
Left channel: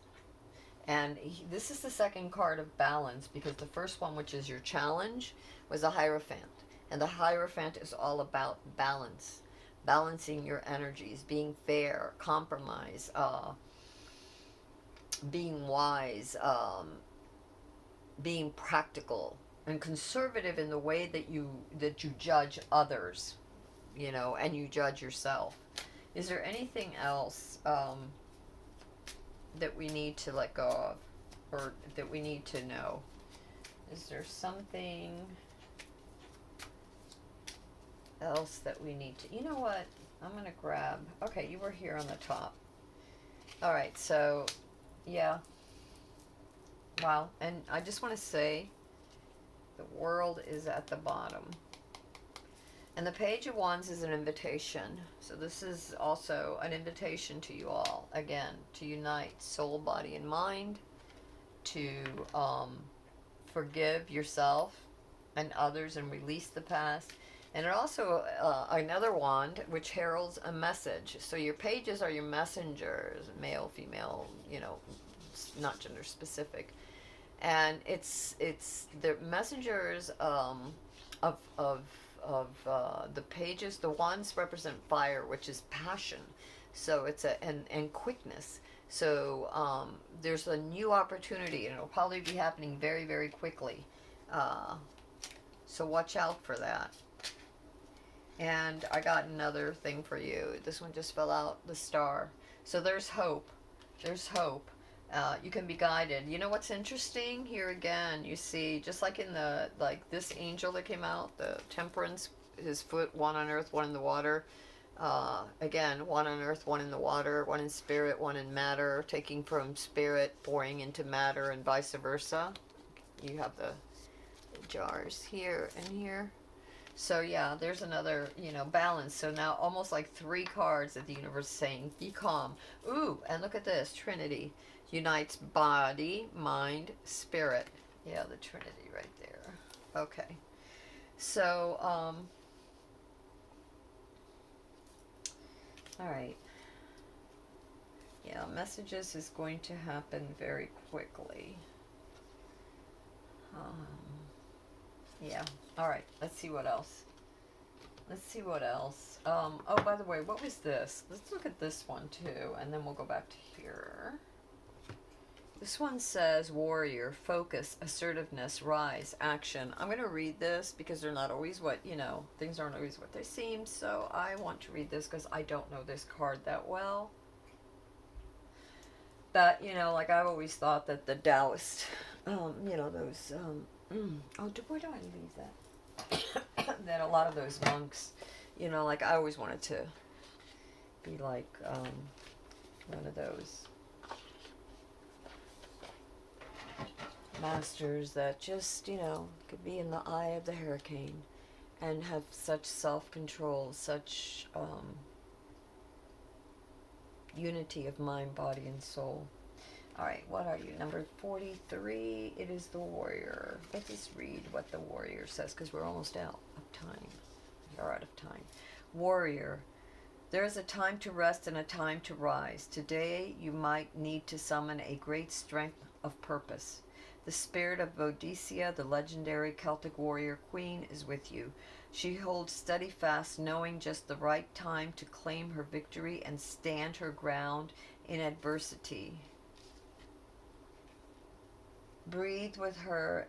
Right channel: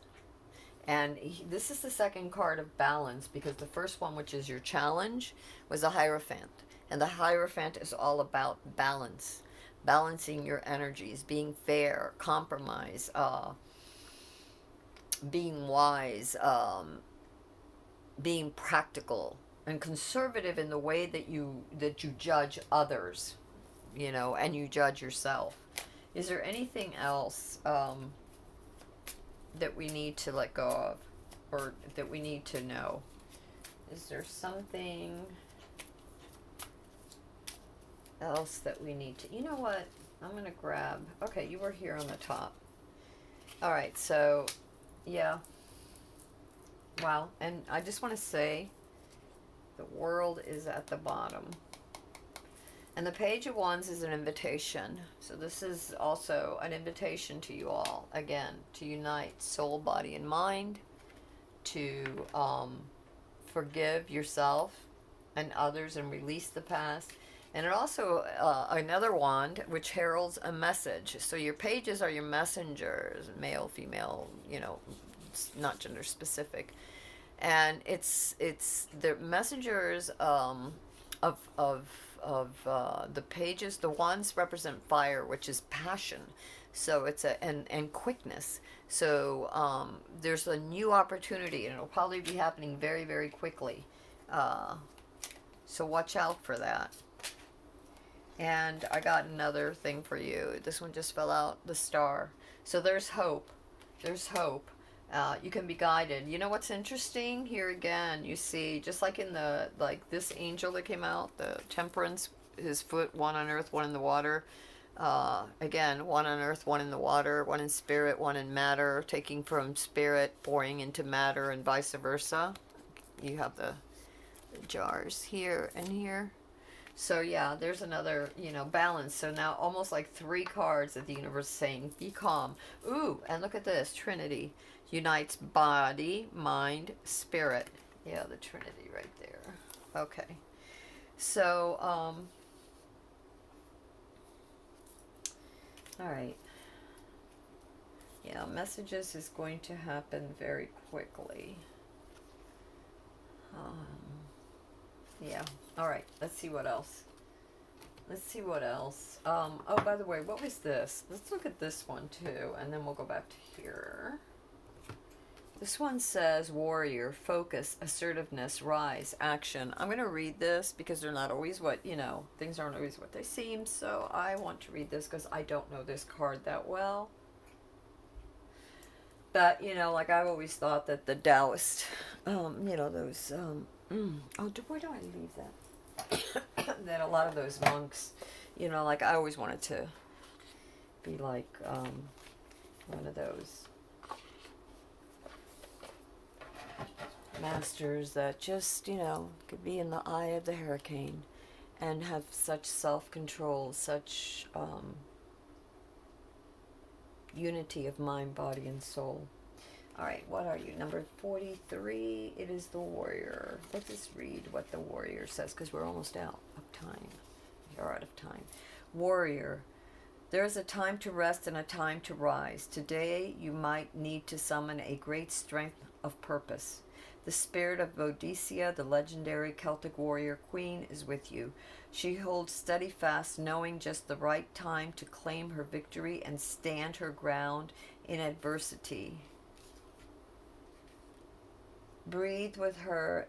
And this is the second card of balance, because the first one, which is your challenge, was a Hierophant. And the Hierophant is all about balance, balancing your energies, being fair, compromise, being wise, being practical and conservative in the way that you judge others, and you judge yourself. Is there anything else that we need to let go of, or that we need to know? Is there something else that we need to, you know what, I'm going to grab, okay, you were here on the top. All right, so, yeah. Wow, and I just want to say, the world is at the bottom. And the Page of Wands is an invitation. So this is also an invitation to you all, again, to unite soul, body, and mind, to forgive yourself and others and release the past. And it also, another wand, which heralds a message. So your pages are your messengers, male, female, not gender specific. And it's the messengers of the pages. The wands represent fire, which is passion. So it's and quickness. So there's a new opportunity, and it'll probably be happening very, very quickly. So watch out for that. And I got another thing for you. This one just fell out, the star. So there's hope. There's hope. You can be guided. You know what's interesting? Here again, you see, just like in this angel that came out, the temperance, his foot, one on earth, one in the water. Again, one on earth, one in the water, one in spirit, one in matter, taking from spirit, pouring into matter, and vice versa. You have the jars here and here. So yeah, there's another, balance. So now almost like 3 cards that the universe is saying, be calm. Ooh, and look at this, Trinity. Unites body, mind, spirit. Yeah, the Trinity right there. Okay. So, all right. Yeah, messages is going to happen very quickly. Yeah. All right. Let's see what else. Oh, by the way, what was this? Let's look at this one too, and then we'll go back to here. This one says warrior, focus, assertiveness, rise, action. I'm going to read this because they're not always things aren't always what they seem. So I want to read this because I don't know this card that well. But, like I've always thought that the Taoist, those, where do I leave that? That a lot of those monks, like I always wanted to be like one of those masters that just, could be in the eye of the hurricane and have such self-control, such unity of mind, body, and soul. All right, what are you? Number 43, it is the warrior. Let's just read what the warrior says, because we're almost out of time. You're out of time. Warrior, there is a time to rest and a time to rise. Today, you might need to summon a great strength of purpose. The spirit of Boadicea, the legendary Celtic warrior queen, is with you. She holds steady fast, knowing just the right time to claim her victory and stand her ground in adversity. Breathe with her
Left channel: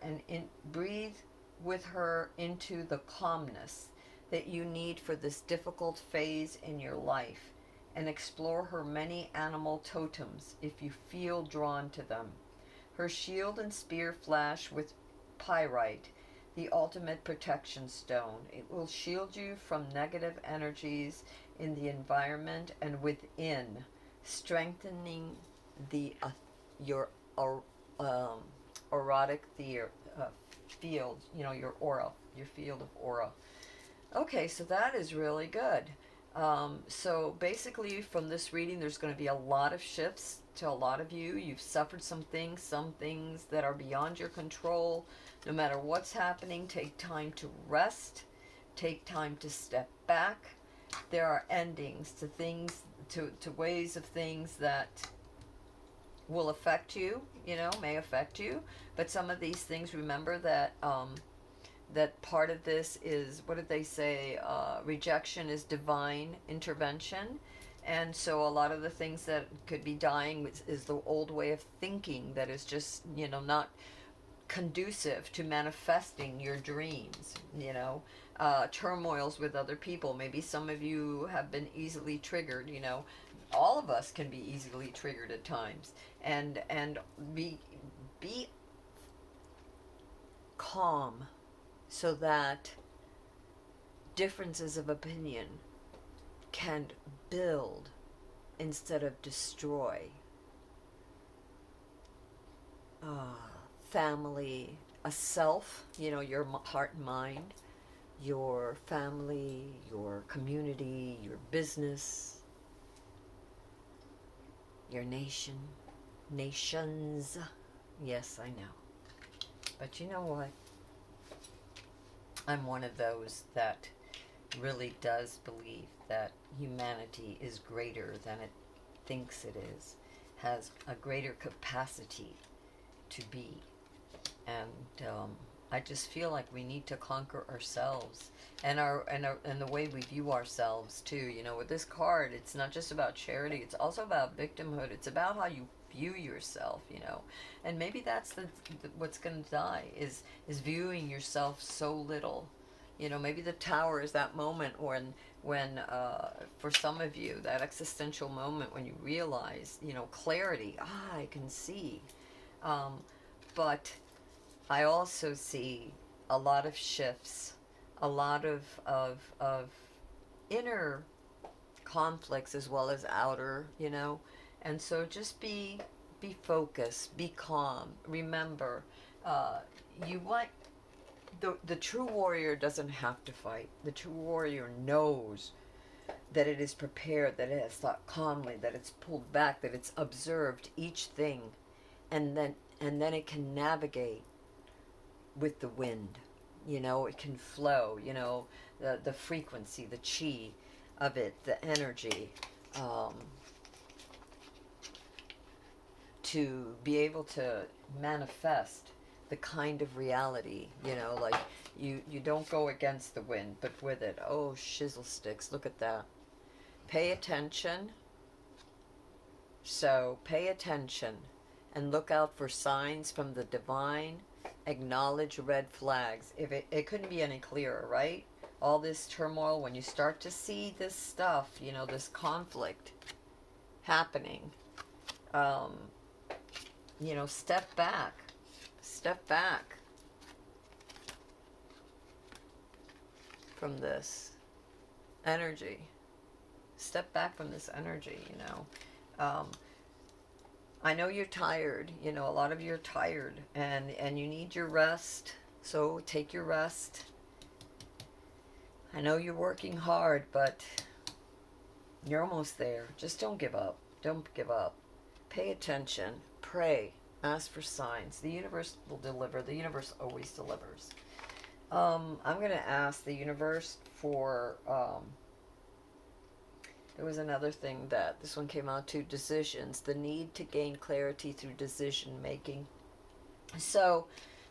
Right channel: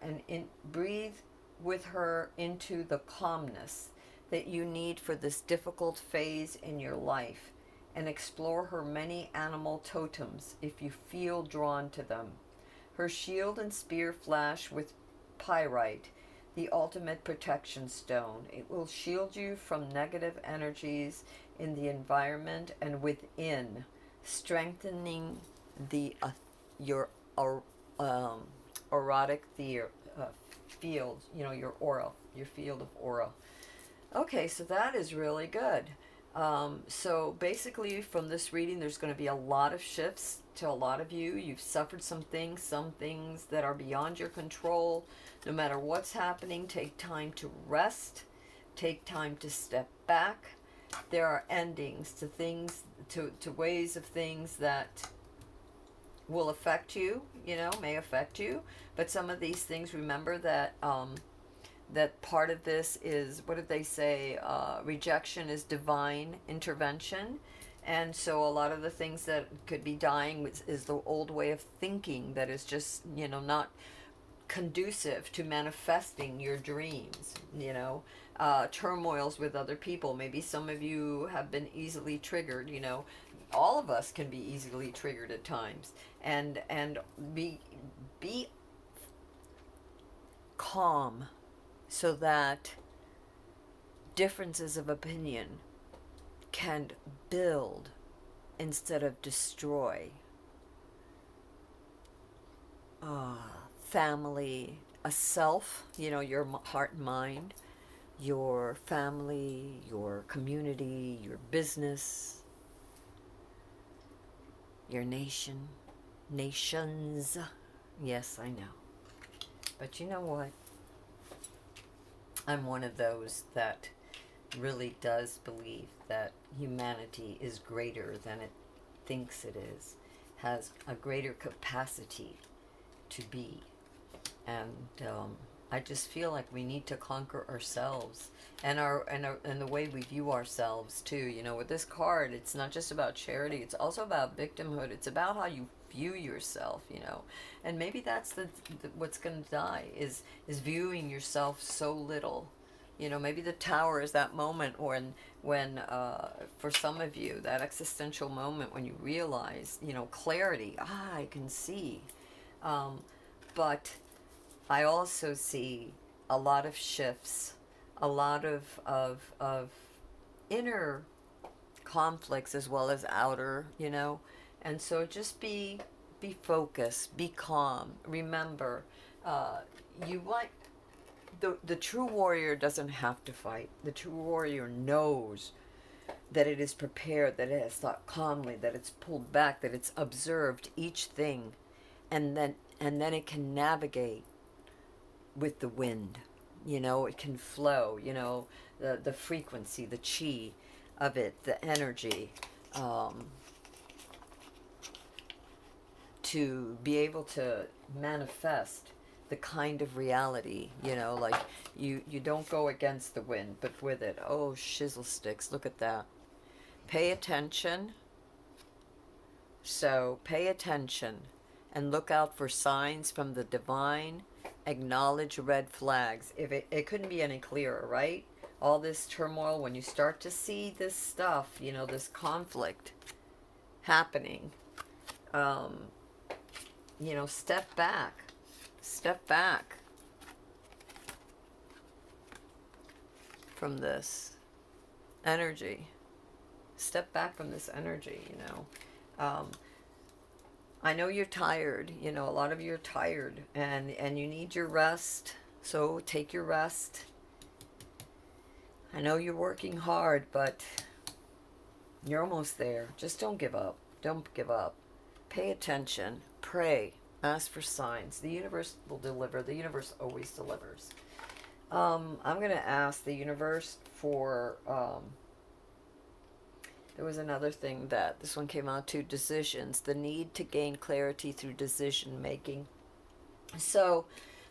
into the calmness that you need for this difficult phase in your life, and explore her many animal totems if you feel drawn to them. Her shield and spear flash with pyrite, the ultimate protection stone. It will shield you from negative energies in the environment and within, strengthening the your or, um, erotic field, your aura, your field of aura. Okay, so that is really good. So basically, from this reading, there's going to be a lot of shifts to a lot of you. You've suffered some things that are beyond your control. No matter what's happening, take time to rest, take time to step back. There are endings to things, to ways of things that will affect you, may affect you. But some of these things, remember that that part of this is, what did they say? Rejection is divine intervention. And so a lot of the things that could be dying is the old way of thinking that is just, not conducive to manifesting your dreams, turmoils with other people. Maybe some of you have been easily triggered, all of us can be easily triggered at times. And be calm so that differences of opinion can build instead of destroy. Family, a self, your heart and mind, your family, your community, your business, your nations. Yes, I know. But you know what? I'm one of those that really does believe that humanity is greater than it thinks it is, has a greater capacity to be. And I just feel like we need to conquer ourselves and and the way we view ourselves too. With this card, it's not just about charity, it's also about victimhood. It's about how you view yourself, and maybe that's the what's going to die is viewing yourself so little. Maybe the tower is that moment when for some of you, that existential moment when you realize, clarity. I can see, but I also see a lot of shifts, a lot of inner conflicts as well as outer, and so just be focused, be calm. Remember, you want the true warrior doesn't have to fight. The true warrior knows that it is prepared, that it has thought calmly, that it's pulled back, that it's observed each thing, and then it can navigate with the wind. It can flow. The frequency, the chi of it, the energy. To be able to manifest the kind of reality, like you don't go against the wind, but with it. Oh, shizzle sticks, look at that. Pay attention. So pay attention and look out for signs from the divine. Acknowledge red flags. If it couldn't be any clearer, right? All this turmoil, when you start to see this stuff, this conflict happening, step back. Step back from this energy. Step back from this energy, I know you're tired. A lot of you are tired and you need your rest. So take your rest. I know you're working hard, but you're almost there. Just don't give up. Don't give up. Pay attention. Pray. Ask for signs. The universe will deliver. The universe always delivers. I'm going to ask the universe for... there was another thing that this one came out to, decisions. The need to gain clarity through decision making. So,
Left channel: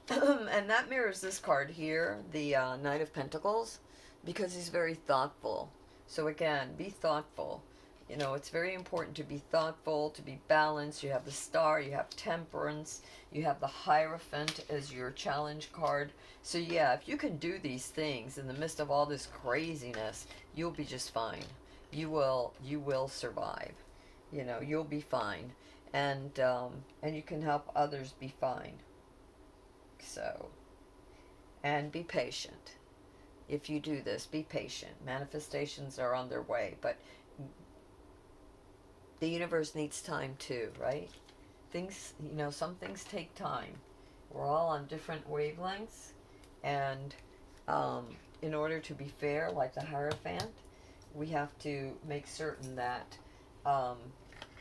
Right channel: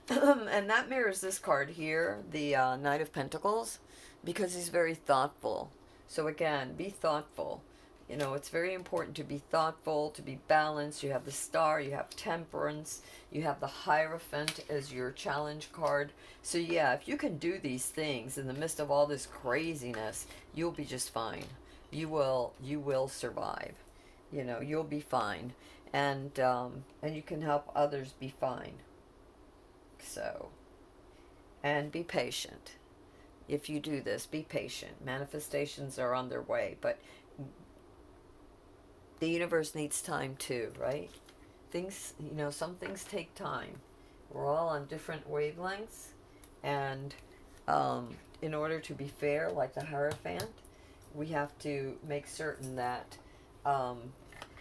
and that mirrors this card here, the Knight of Pentacles, because he's very thoughtful. So again, be thoughtful. It's very important to be thoughtful, to be balanced. You have the Star, you have Temperance, you have the Hierophant as your challenge card. So yeah, if you can do these things in the midst of all this craziness, you'll be just fine. You will survive. You'll be fine. And you can help others be fine. So, and be patient. If you do this, be patient. Manifestations are on their way, but the universe needs time too, right? Things, some things take time. We're all on different wavelengths, and in order to be fair, like the Hierophant, we have to make certain that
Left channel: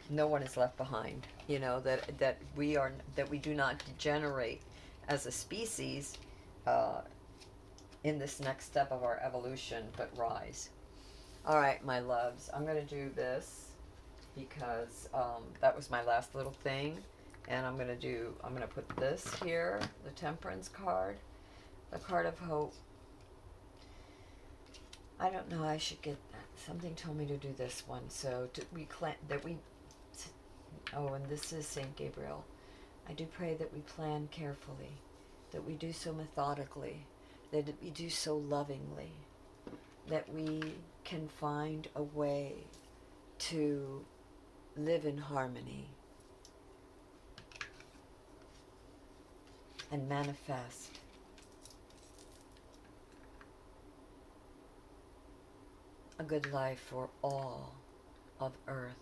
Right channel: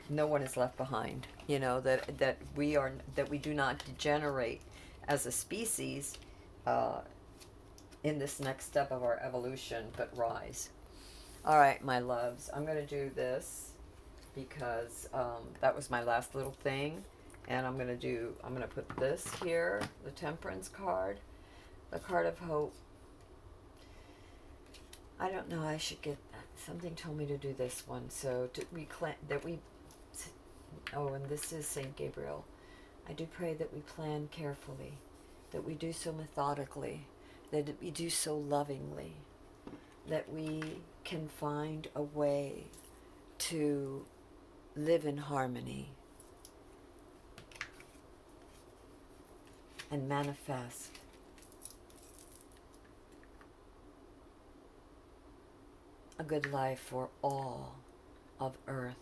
no one is left behind. That we do not degenerate as a species in this next step of our evolution, but rise. All right, my loves, I'm going to do this because that was my last little thing. And I'm going to put this here, the Temperance card, the card of hope. I don't know, I should get, something told me to do this one. So and this is St. Gabriel. I do pray that we plan carefully, that we do so methodically, that we do so lovingly, that we can find a way to live in harmony and manifest a good life for all of Earth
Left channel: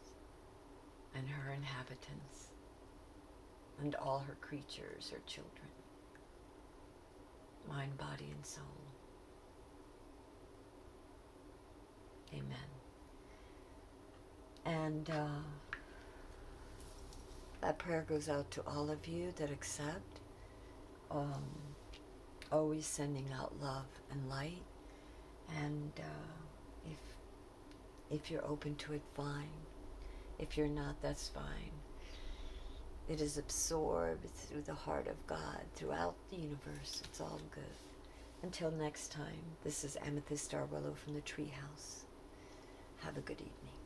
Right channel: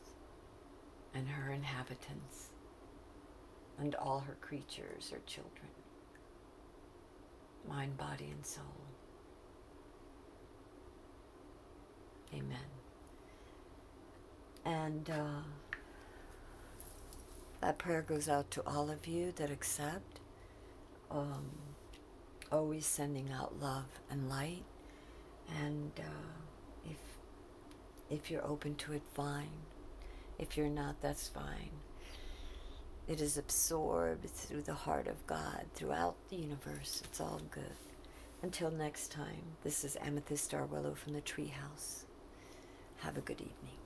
and her inhabitants and all her creatures, her children, mind, body, and soul. Amen. And that prayer goes out to all of you that accept. Always sending out love and light. And if you're open to it, fine. If you're not, that's fine. It is absorbed through the heart of God, throughout the universe. It's all good. Until next time, this is Amethyst Starwillow from the Treehouse. Have a good evening.